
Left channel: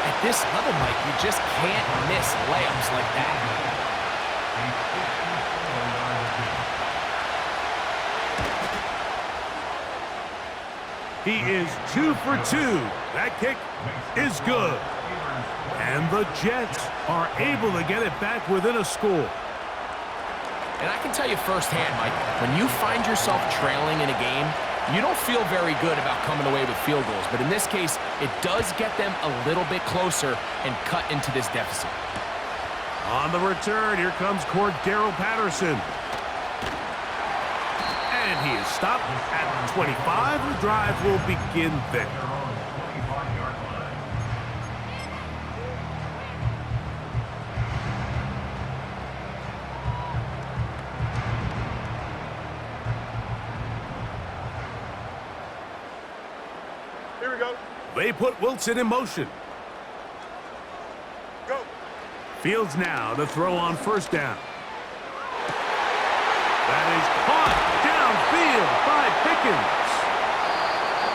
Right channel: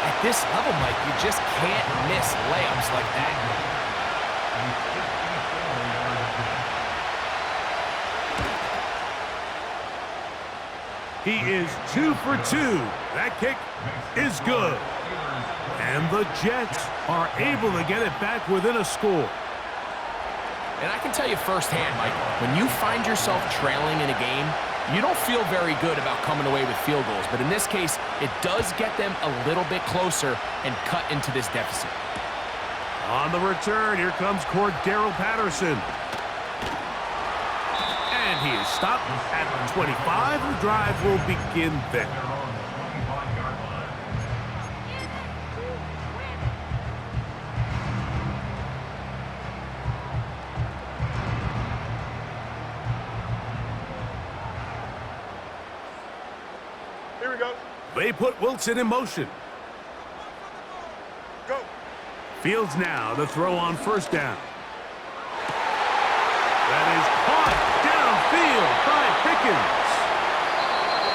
at this level, Mike, you just can't miss layups like that. He is 2 for 2. That kick is good. And the Jets are able to get it back within a score. And I can tell you firsthand, Mike, when you find yourself trailing in a game, you don't feel very good about coming away with field goals. But in this case, it does get them a little bit closer and cut into this deficit. On the return, here comes Cordero Patterson. And he is stopped at 25. The drive will begin then. Here we go. They put Wilson in motion. Go. Fields now to throw on first down. That is caught downfield by Pickens.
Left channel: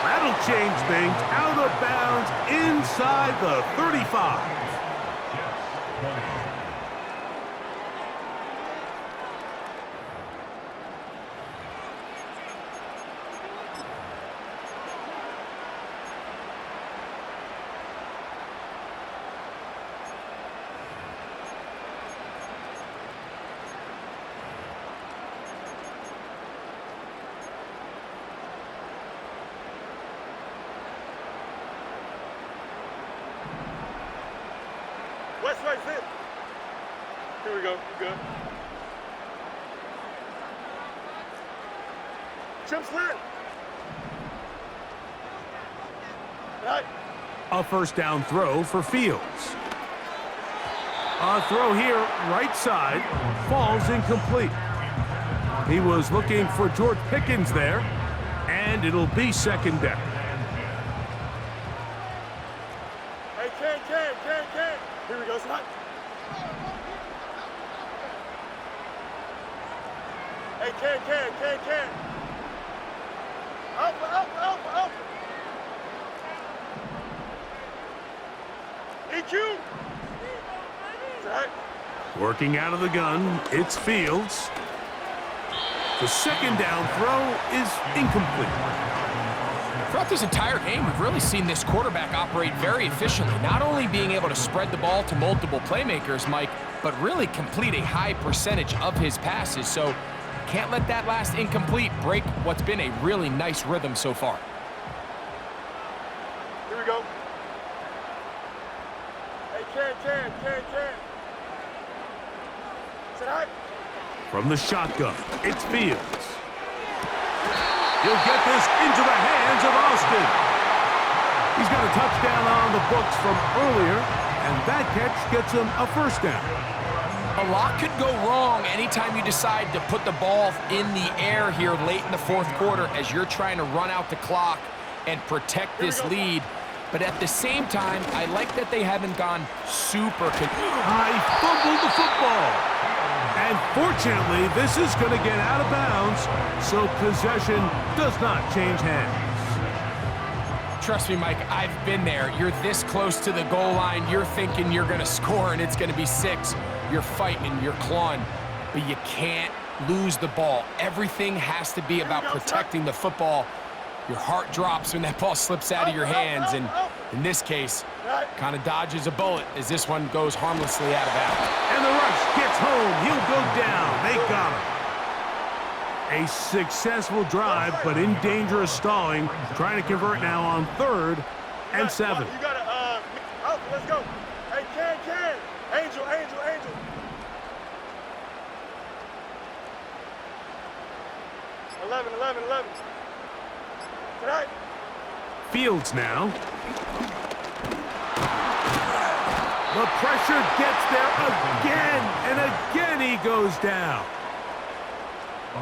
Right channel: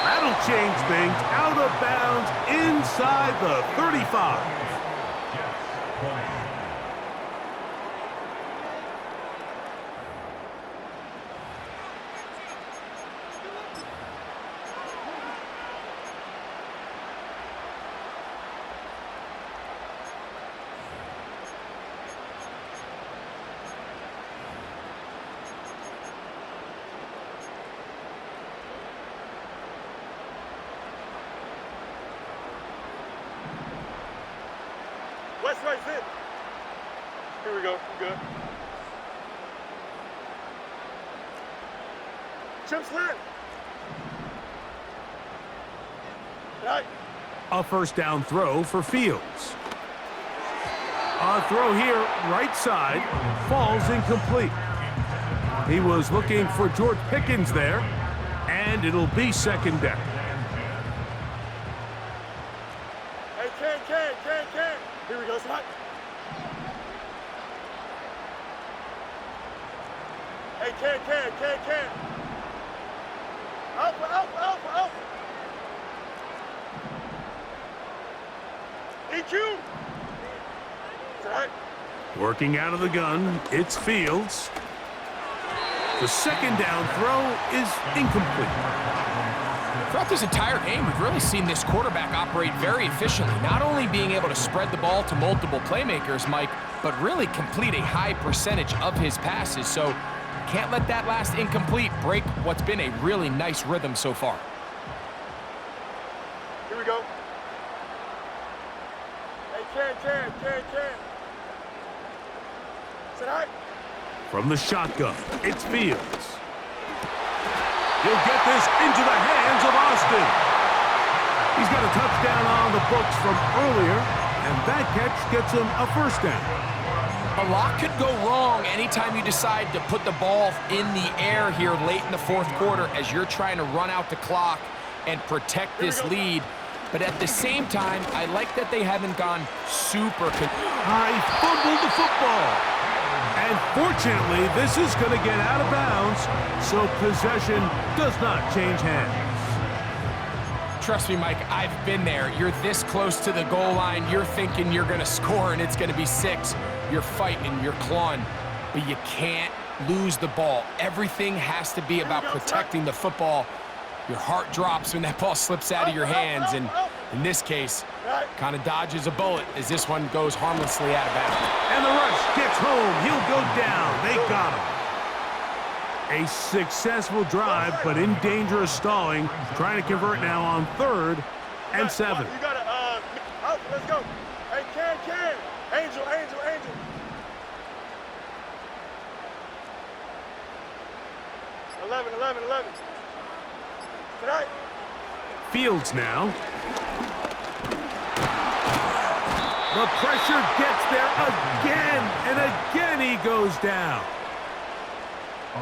That'll change things. Out of bounds inside the 35. Jets 20. West right zip. Here we go. We're good. Chip slant. Right. A first down throw for Fields. A throw here, right side, falls incomplete. He was looking for George Pickens there, and it'll be second down. Hey, can. Here we go, Snot. Hey, can. Alpha. EQ. Right. Working out of the gun, it's Fields. The second down throw is incomplete. Throughout this entire game, we've really seen this quarterback operate very efficiently, not only being able to spread the ball to multiple playmakers, Mike, but really complete a high percentage of his passes. So can't let that last incomplete break what's been a really nice rhythm so far. Here we go. Hey, can. Sit high. From the shotgun, it's Fields. He'll get this into the hands of Austin. He's got a touchdown on the books from earlier, and that catch gets him a first down. A lot could go wrong anytime you decide to put the ball in the air here late in the fourth quarter as you're trying to run out the clock and protect this lead. But at the same time, I like that they haven't gone super... I fumbled the football. And fortunately, this is going to get out of bounds, so possession does not change hands. Trust me, Mike, I've been there. You're this close to the goal line. You're thinking you're going to score, and it's going to be 6. You're fighting, you're clawing, but you can't lose the ball. Everything has to be about protecting the football. Your heart drops when that ball slips out of your hands, and in this case, kind of dodges a bullet as this one goes harmlessly out of bounds. And the rush gets home. He'll go down. They got him. A successful drive, but in danger of stalling. Trying to convert now on 3rd and 7. You got to, let's go. Hey, can. Angel. 11. Tonight. Fields now. The pressure gets there again, and again he goes down.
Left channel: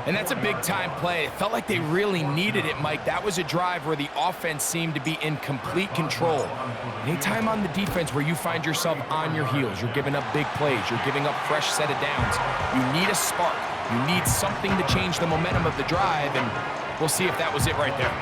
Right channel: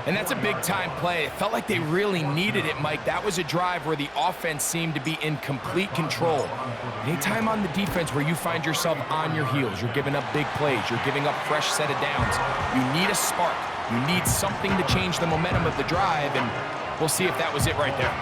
And that's a big-time play. It felt like they really needed it, Mike. That was a drive where the offense seemed to be in complete control. Anytime on the defense where you find yourself on your heels, you're giving up big plays, you're giving up fresh set of downs, you need a spark. You need something to change the momentum of the drive, and we'll see if that was it right there.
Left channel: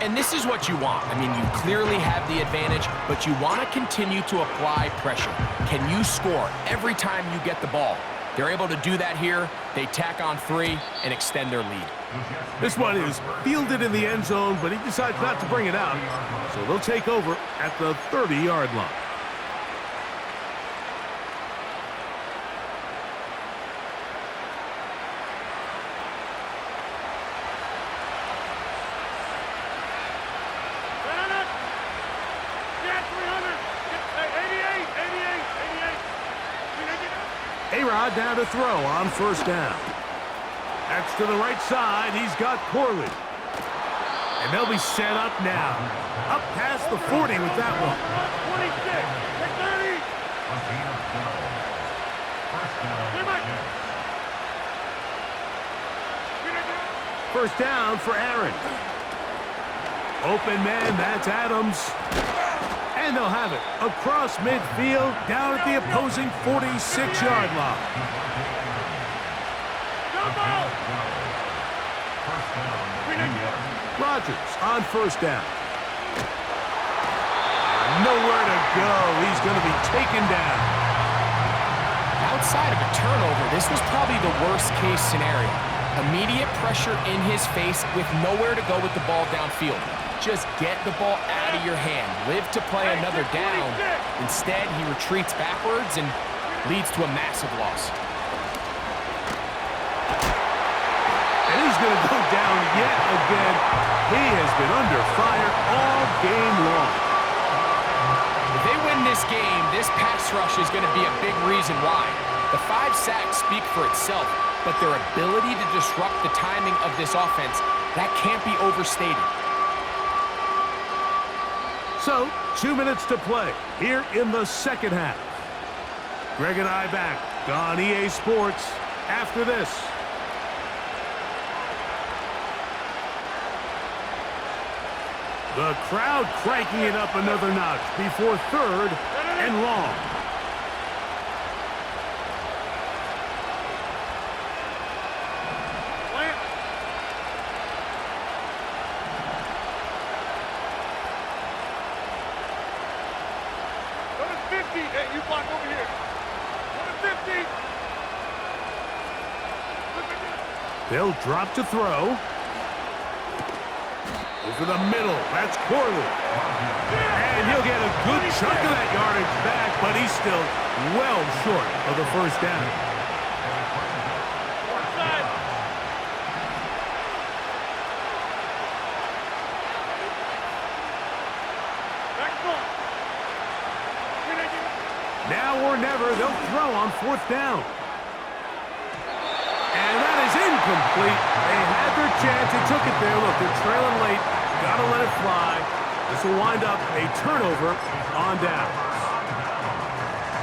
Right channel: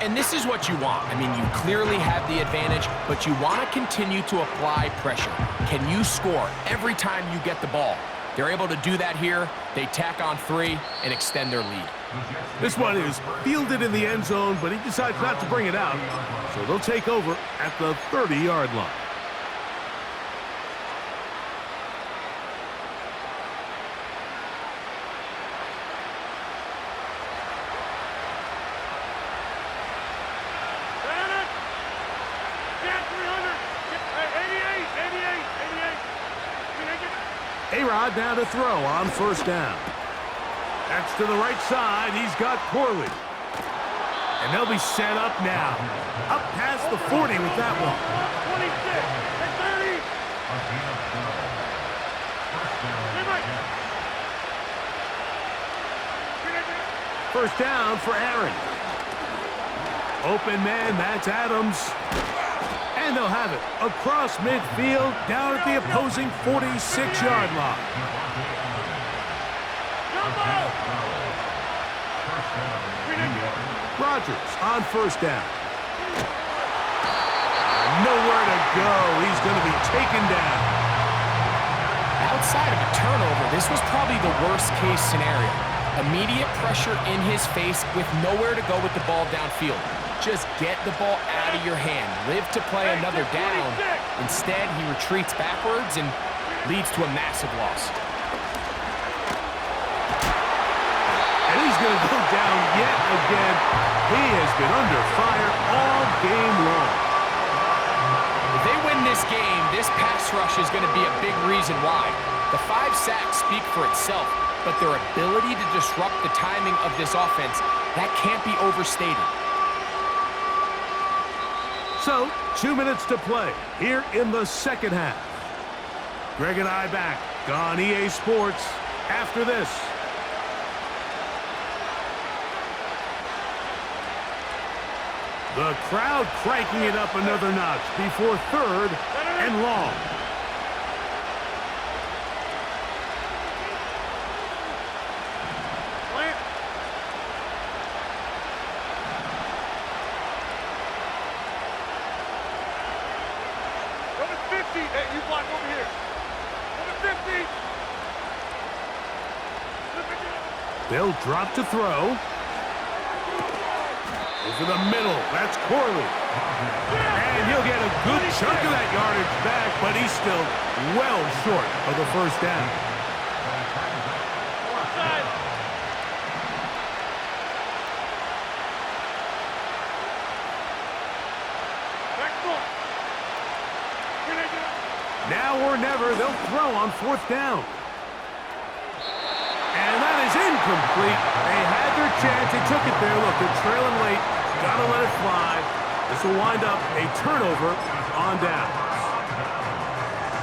And this is what you want. I mean, you clearly have the advantage, but you want to continue to apply pressure. Can you score every time you get the ball? They're able to do that here. They tack on 3 and extend their lead. This one is fielded in the end zone, but he decides not to bring it out. So they'll take over at the 30-yard line. A-Rod now to throw on first down. That's to the right side. He's got Corley. And they'll be set up now. Up past the 40 with that one. 26, 30. First down for Aaron. Open man, that's Adams. And they'll have it across midfield, down at the opposing 46-yard line. Rodgers on first down. Nowhere to go. He's going to be taken down. Outside of a turnover, this was probably the worst-case scenario. Immediate pressure in his face with nowhere to go with the ball downfield. Just get the ball out of your hand. Live to play another down. Instead, he retreats backwards and leads to a massive loss. And he's going to go down yet again. He has been under fire all game long. If they win this game, this pass rush is going to be a big reason why. The 5 sacks speak for itself, but their ability to disrupt the timing of this offense, that can't be overstated. So, 2 minutes to play here in the second half. Greg and I back on EA Sports after this. The crowd cranking it up another notch before third and long. Hey, you block over here. Go to 50. They'll drop to throw. Over the middle. That's Corley. And he'll get a good chunk of that yardage back, but he's still well short of the first down. Now or never, they'll throw on fourth down. And that is incomplete. They had their chance. They took it there. Look, they're trailing late. Got to let it fly. This will wind up a turnover on downs.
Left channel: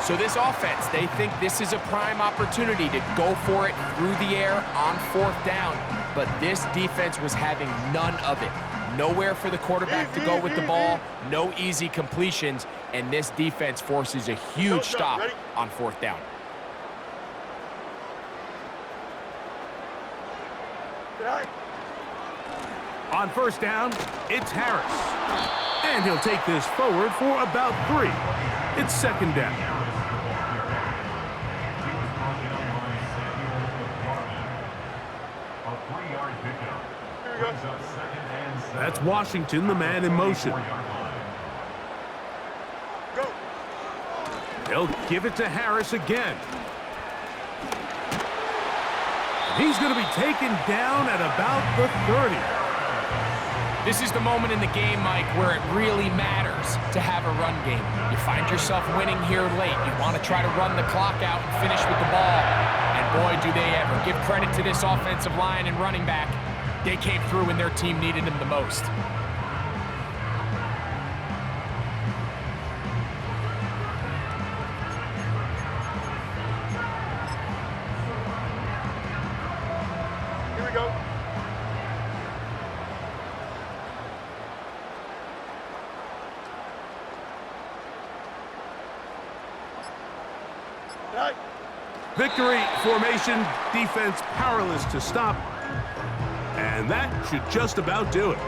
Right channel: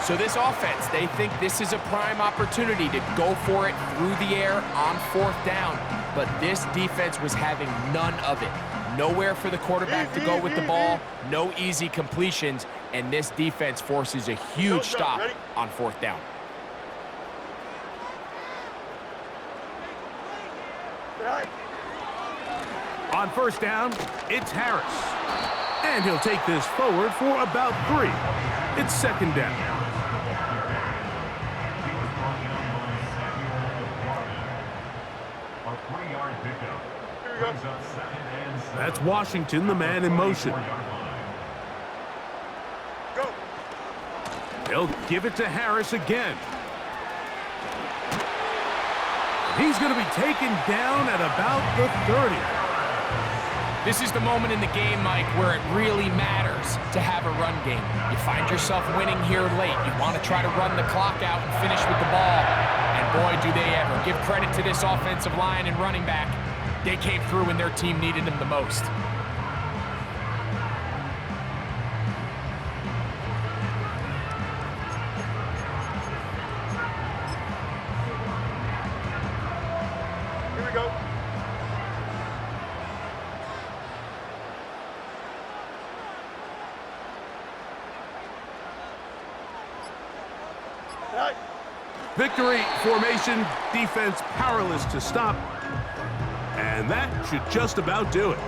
So this offense, they think this is a prime opportunity to go for it through the air on fourth down. But this defense was having none of it. Nowhere for the quarterback to go with the ball. No easy completions. And this defense forces a huge stop on fourth down. On first down, it's Harris. And he'll take this forward for about 3. It's second down. A 3-yard pickup. Brings up second and 7. That's Washington, the man in motion. Go. They'll give it to Harris again. And he's going to be taken down at about the 30. This is the moment in the game, Mike, where it really matters to have a run game. You find yourself winning here late. You want to try to run the clock out and finish with the ball. And boy, do they ever. Give credit to this offensive line and running back. They came through when their team needed them the most. Here we go. Right. Victory formation, defense powerless to stop. And that should just about do it.